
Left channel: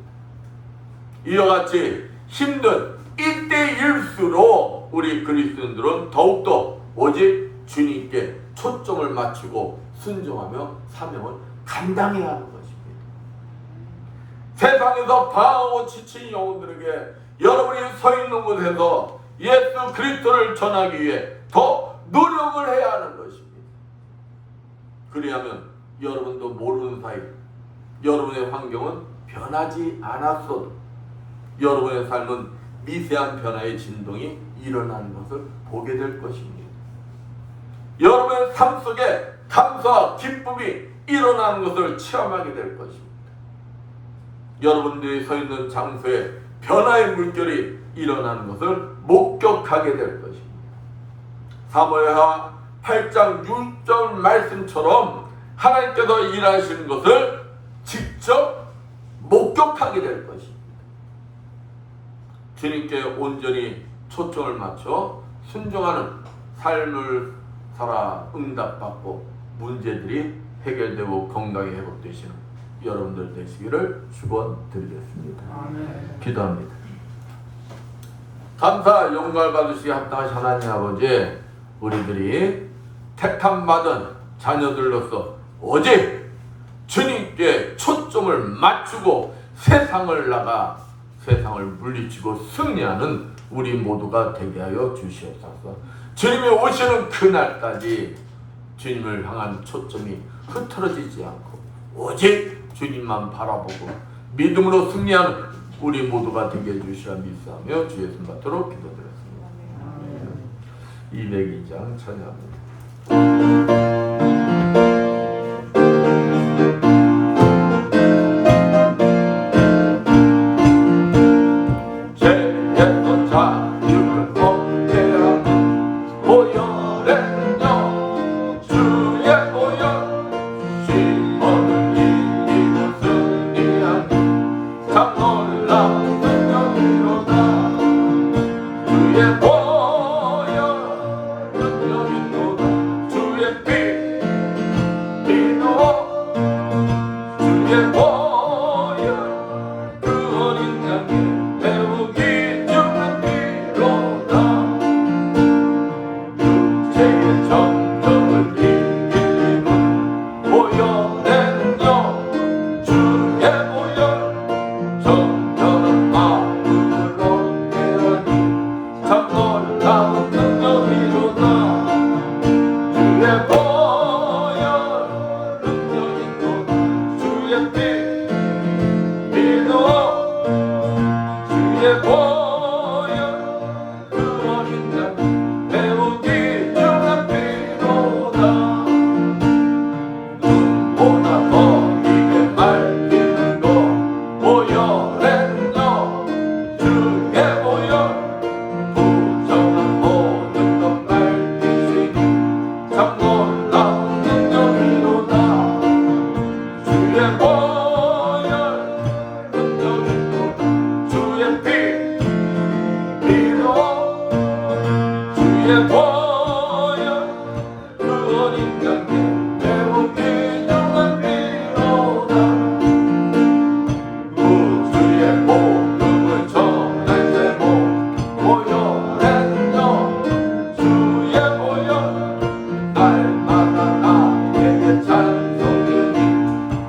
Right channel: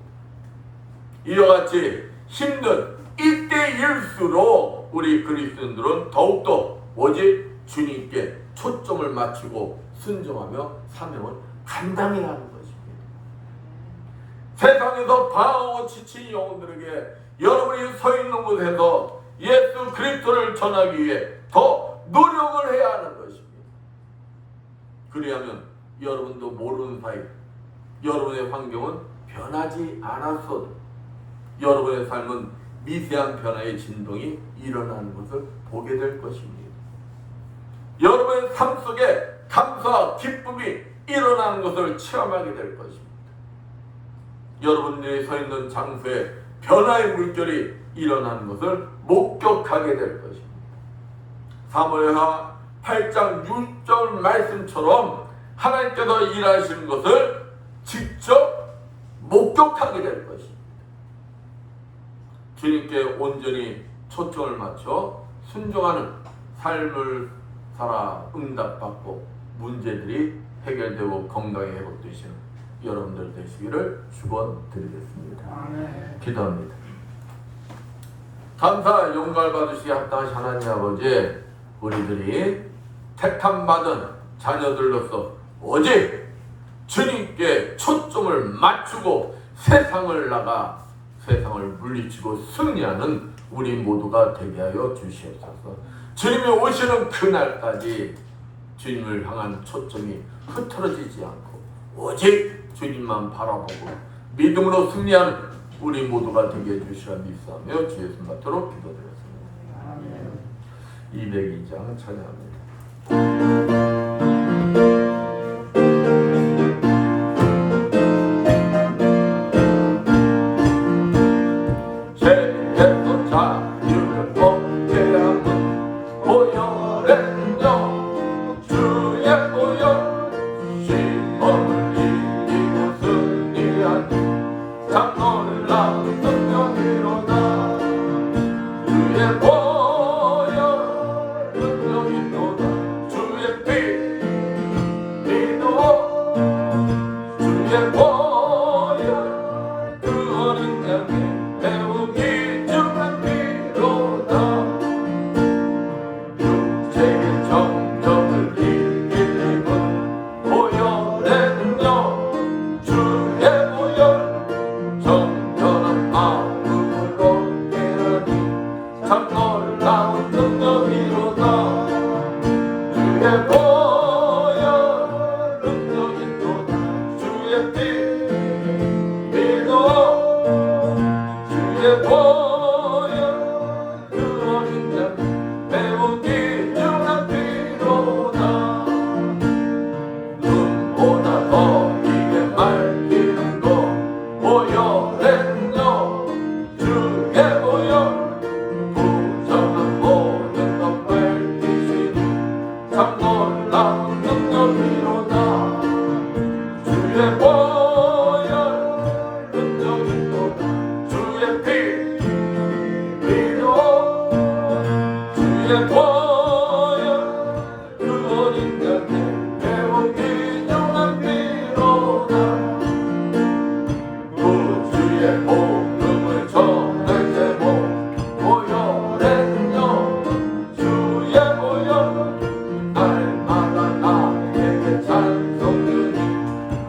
이와 같이 힘든 이때일수록 우리 그리스도인들은 더욱더 오직 주님께 초점을 맞추고 순종하며 사명을 감당해야 하는 것입니다. 세상에서 방황하고 지친 영혼들에게 여러분이 서 있는 곳에서 예수 그리스도를 전하기 위해 더 노력을 해야 하는 것입니다. 그리하면 여러분도 모르는 사이 여러분의 환경은 변하지 않았어도 여러분의 삶은 미세한 변화의 진동이 일어나는 것을 보게 될 것입니다. 여러분의 삶 속에 감사와 기쁨이 일어나는 것을 체험하게 될 것입니다. 여러분들이 서 있는 장소에 변화의 물결이 일어나는 것을 목격하게 될 것입니다. 사무엘하 8장 6절 말씀처럼 하나님께서 일하시는 것을 직접 목격하게 될 것입니다. 주님께 온전히 초점을 맞춰 순종하는 삶을 살아 응답받고 문제들이 해결되고 건강이 회복되시는 여러분들 되시기를 축원드리겠습니다. 아멘. 기도합니다. 감사 영광을 받으시기 합당하신 하나님 아버지, 우리들이 택함받은 자녀들로서 오직 주님께 초점을 맞추고 세상을 나가 세상을 물리치고 승리하는 우리 모두가 되게 하여 주시옵소서. 주님이 오시는 그날까지 주님을 향한 초점이 흐트러지지 않고 오직 주님만 바라보고 믿음으로 승리하는 우리 모두가 되게 해주시라 믿사하며 주 예수 받도록 기도드렸습니다. 202장 찬양합니다. 매우 귀중한 피로다. 주의 보혈 그 어린 양의 매우 귀중한 피로다. 주의 복음을 전할 제목 보혈했죠. 주의 보혈 날마다 나에게 찬송이니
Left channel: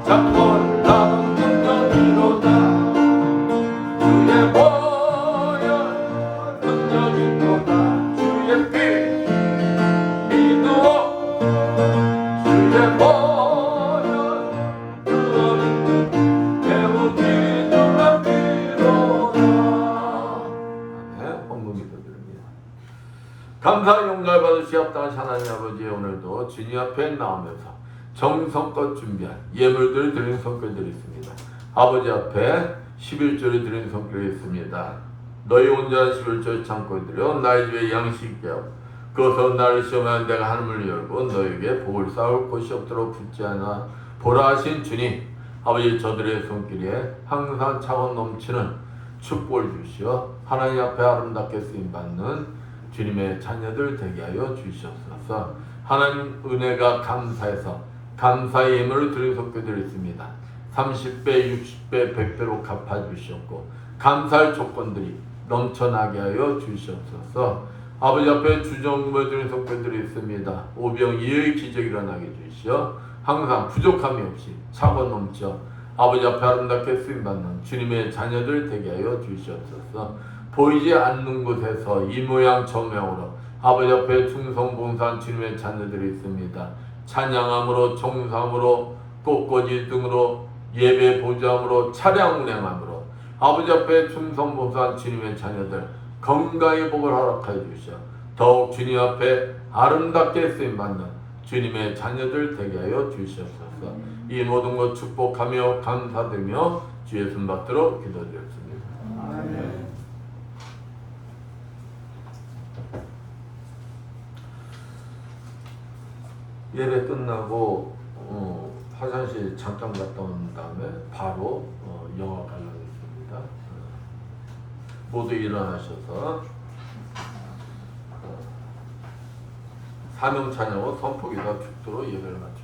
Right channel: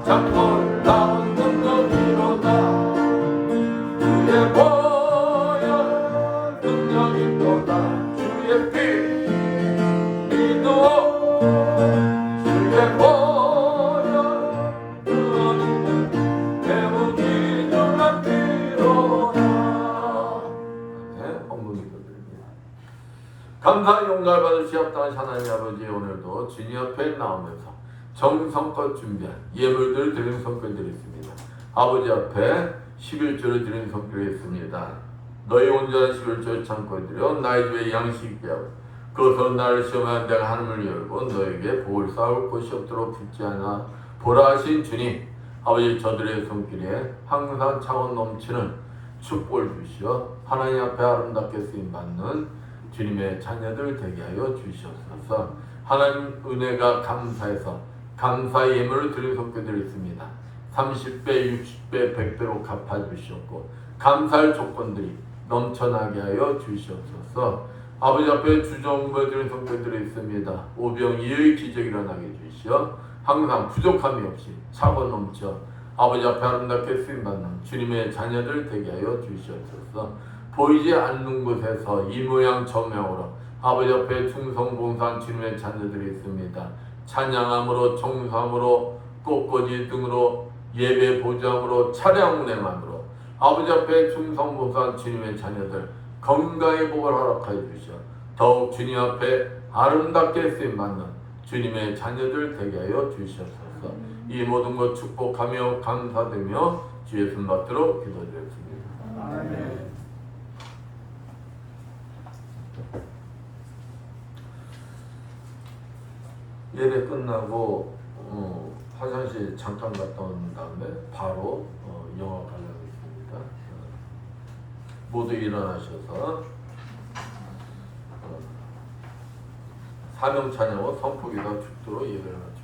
참 놀라운 능력이로다. 주의 보혈 능력이로다. 주의 피 믿어 주의 보혈 그 어린 매우 귀중한 피로다. 네, 본문 기도드립니다. 감사 용날 받으시 합당하신 하나님 아버지, 오늘도 주님 앞에 나오면서 정성껏 준비한 예물들을 드리는 성결들이 있습니다. 아버지 앞에 11조를 드리는 성결이 있습니다. 너희 온전한 11조를 참고 드려 나의 죄의 양식 있게 하고 그것으로 나를 시험하여 내가 하늘을 열고 너에게 복을 쌓을 곳이 없도록 붙지 않아 보라 하신 주님, 아버지 저들의 손길에 항상 차고 넘치는 축복을 주시어 하나님 앞에 아름답게 쓰임받는 주님의 자녀들 되게 하여 주시옵소서. 하나님 은혜가 감사해서 감사의 예물을 드리는 성교들이 있습니다. 30배, 60배, 100배로 갚아주셨고 감사할 조건들이 넘쳐나게 하여 주시옵소서. 아버지 앞에 주정부에 드리는 성교들이 있습니다. 오병이의 기적이 일어나게 주시어 항상 부족함이 없이 차고 넘쳐 아버지 앞에 아름답게 쓰임받는 주님의 자녀들 되게 하여 주시옵소서. 보이지 않는 곳에서 이 모양 저 모양으로 아버지 앞에 충성봉사한 주님의 자녀들이 있습니다. 찬양함으로, 정삼으로, 꽃꽂이 등으로, 예배 보좌함으로, 차량 운행함으로 아버지 앞에 충성봉사한 주님의 자녀들 건강의 복을 허락하여 주시어 더욱 주님 앞에 아름답게 쓰임받는 주님의 자녀들 되게 하여 주시옵소서. 이 모든 것 축복하며 감사드리며 주 예수 받들어 기도드렸습니다. 아멘. 예배 끝나고 화장실 잠깐 갔다 온 다음에 바로 영화 관람이 있습니다. 모두 일어나셔서 사명 찬양으로 선포기도 축도로 예배를 마칩니다.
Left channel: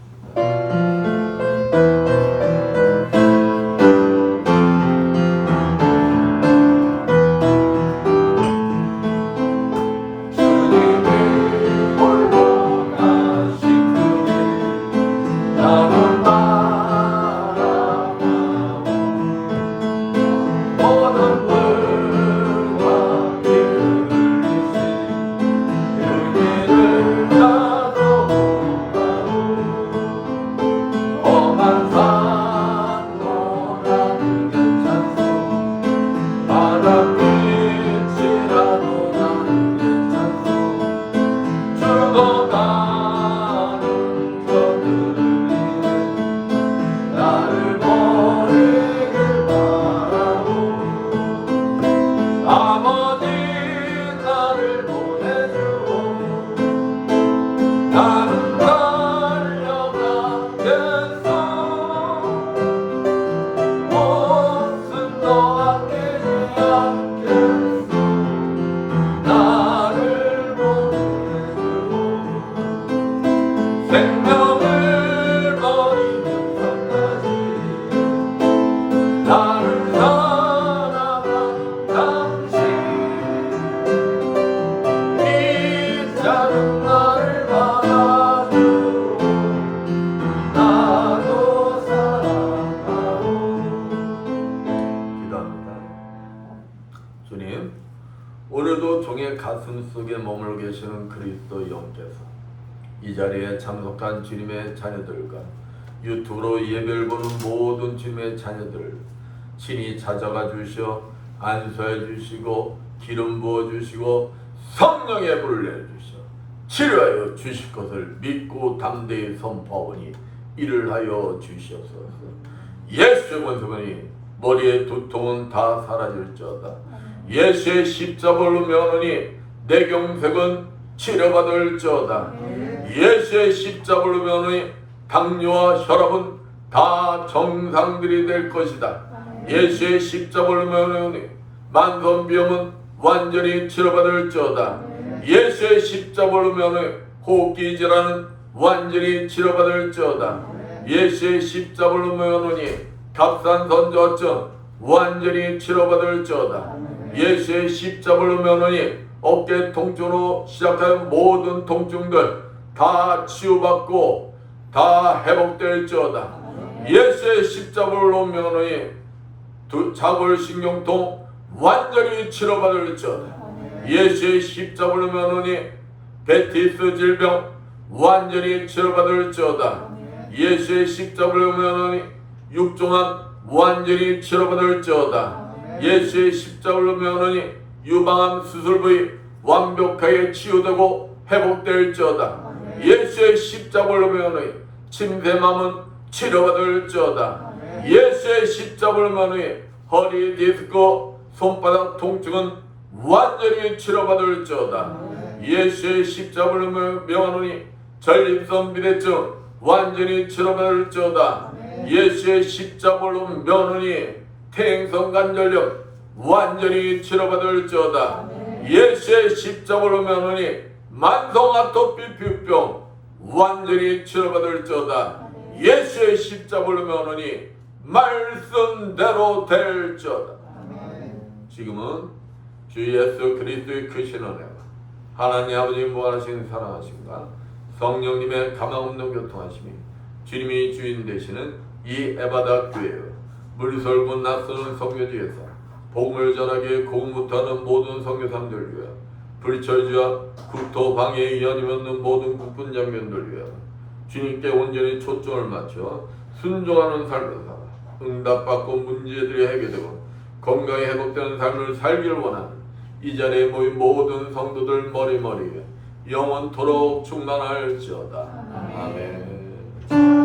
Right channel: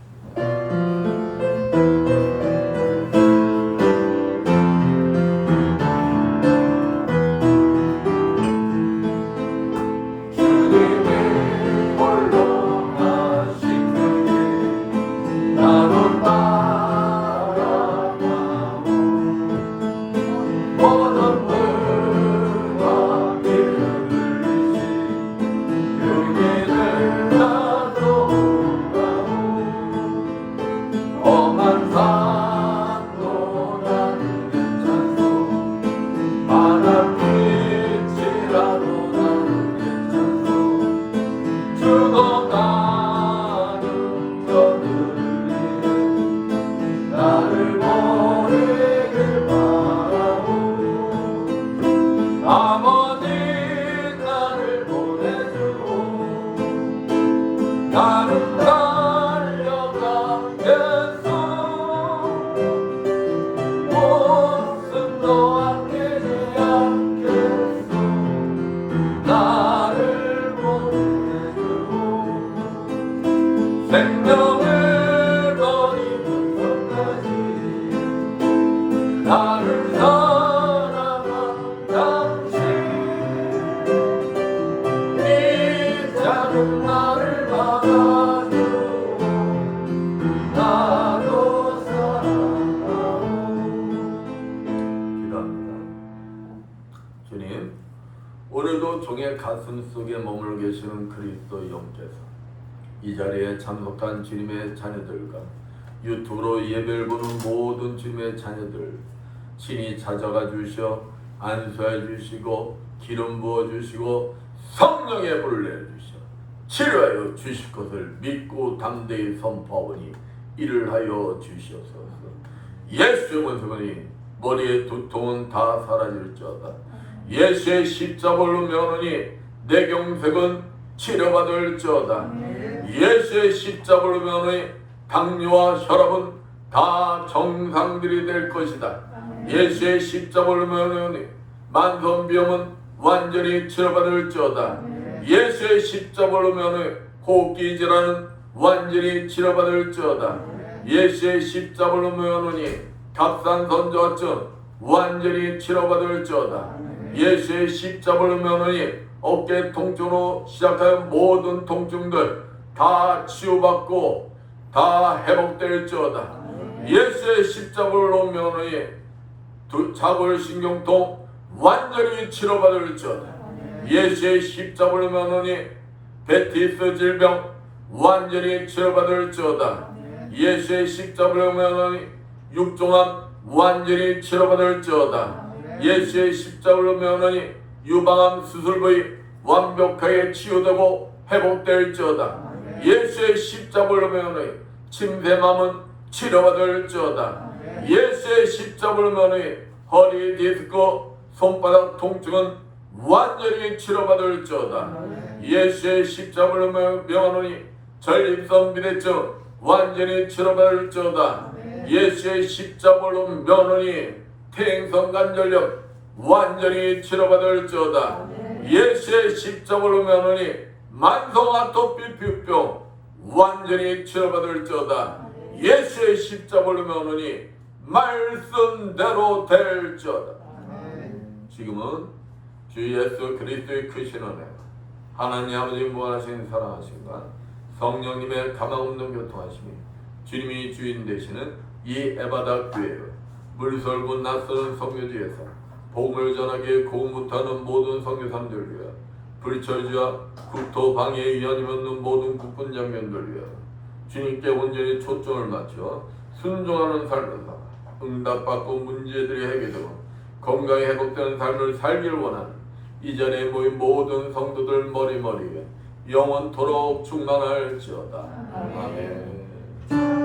오늘도 종의 가슴 속에 머물러 계시는 그리스도 영께서 이 자리에 참석한 주님의 자녀들과 유튜브로 예배를 보는 모든 주님의 자녀들 친히 찾아가 주시어 안수해 주시고 기름 부어 주시고 성령의 불을 내주시어 치료하여 주실 것을 믿고 담대히 선포하오니 이를 하여 주시옵소서. 예수의 권세만이 머리의 두통은 다 사라질지어다. 예수의 십자벌로 면하니 내 경색은 치료받을지어다. 예수의 십자벌로 면하니 당뇨와 혈압은 다 정상들이 될 것이다. 예수의 십자벌로 면하니 만성비염은 완전히 치료받을지어다. 예수의 십자가로 면하여 호흡기 질환은 완전히 치료받을지어다. 예수의 십자가로 면하니 갑산 선저증 완전히 치료받을지어다. 예수의 십자가로 면하니 어깨 통증으로 시작하는 모든 통증들 다 치유받고 다 회복될지어다. 예수의 십자가로 면하니 자골신경통 완전히 치료받을지어다. 예수의 십자가로 면하니 베티스 질병 완전히 치료받을지어다. 예수의 십자가로 면하니 육종암 완전히 치료받을지어다. 예수의 십자가로 면하니 유방암 수술 부위 완벽하게 치유되고 회복될지어다. 예수의 십자가로 면하니 침샘암은 치료받을지어다. 예수의 십자가로 면하니 허리 디스크 손바닥 통증은 완전히 치료받을지어다. 예수의 십자가로 면하니 전립선 비대증 완전히 치료받을지어다. 예수의 십자가로 면하니 퇴행성 관절염 완전히 치료받을지어다. 예수의 십자가로 면하니 만성 아토피 피부병 완전히 치료받을지어다. 예수의 십자가로 면하니 말씀대로 될지어다. 지금은 주 예수 그리스도의 크신 은혜와 하나님 아버지 무한하신 사랑하심과 성령님의 가망없는 교통하심이 주님이 주인 되시는 이 에바다 교회요 물설군 낯서는 성교지에서 복음을 전하기에 공무하는 모든 성교사님들 위하여 불철주와 국토 방해 위헌이 없는 모든 국군 장병들 위하여 주님께 온전히 초점을 맞춰 순종하는 삶을 살아 응답받고 문제들이 해결되고 건강이 회복되는 삶을 살기를 원하는 이 자리에 모인 모든 성도들 머리머리에 영원토록 충만할지어다. 아멘.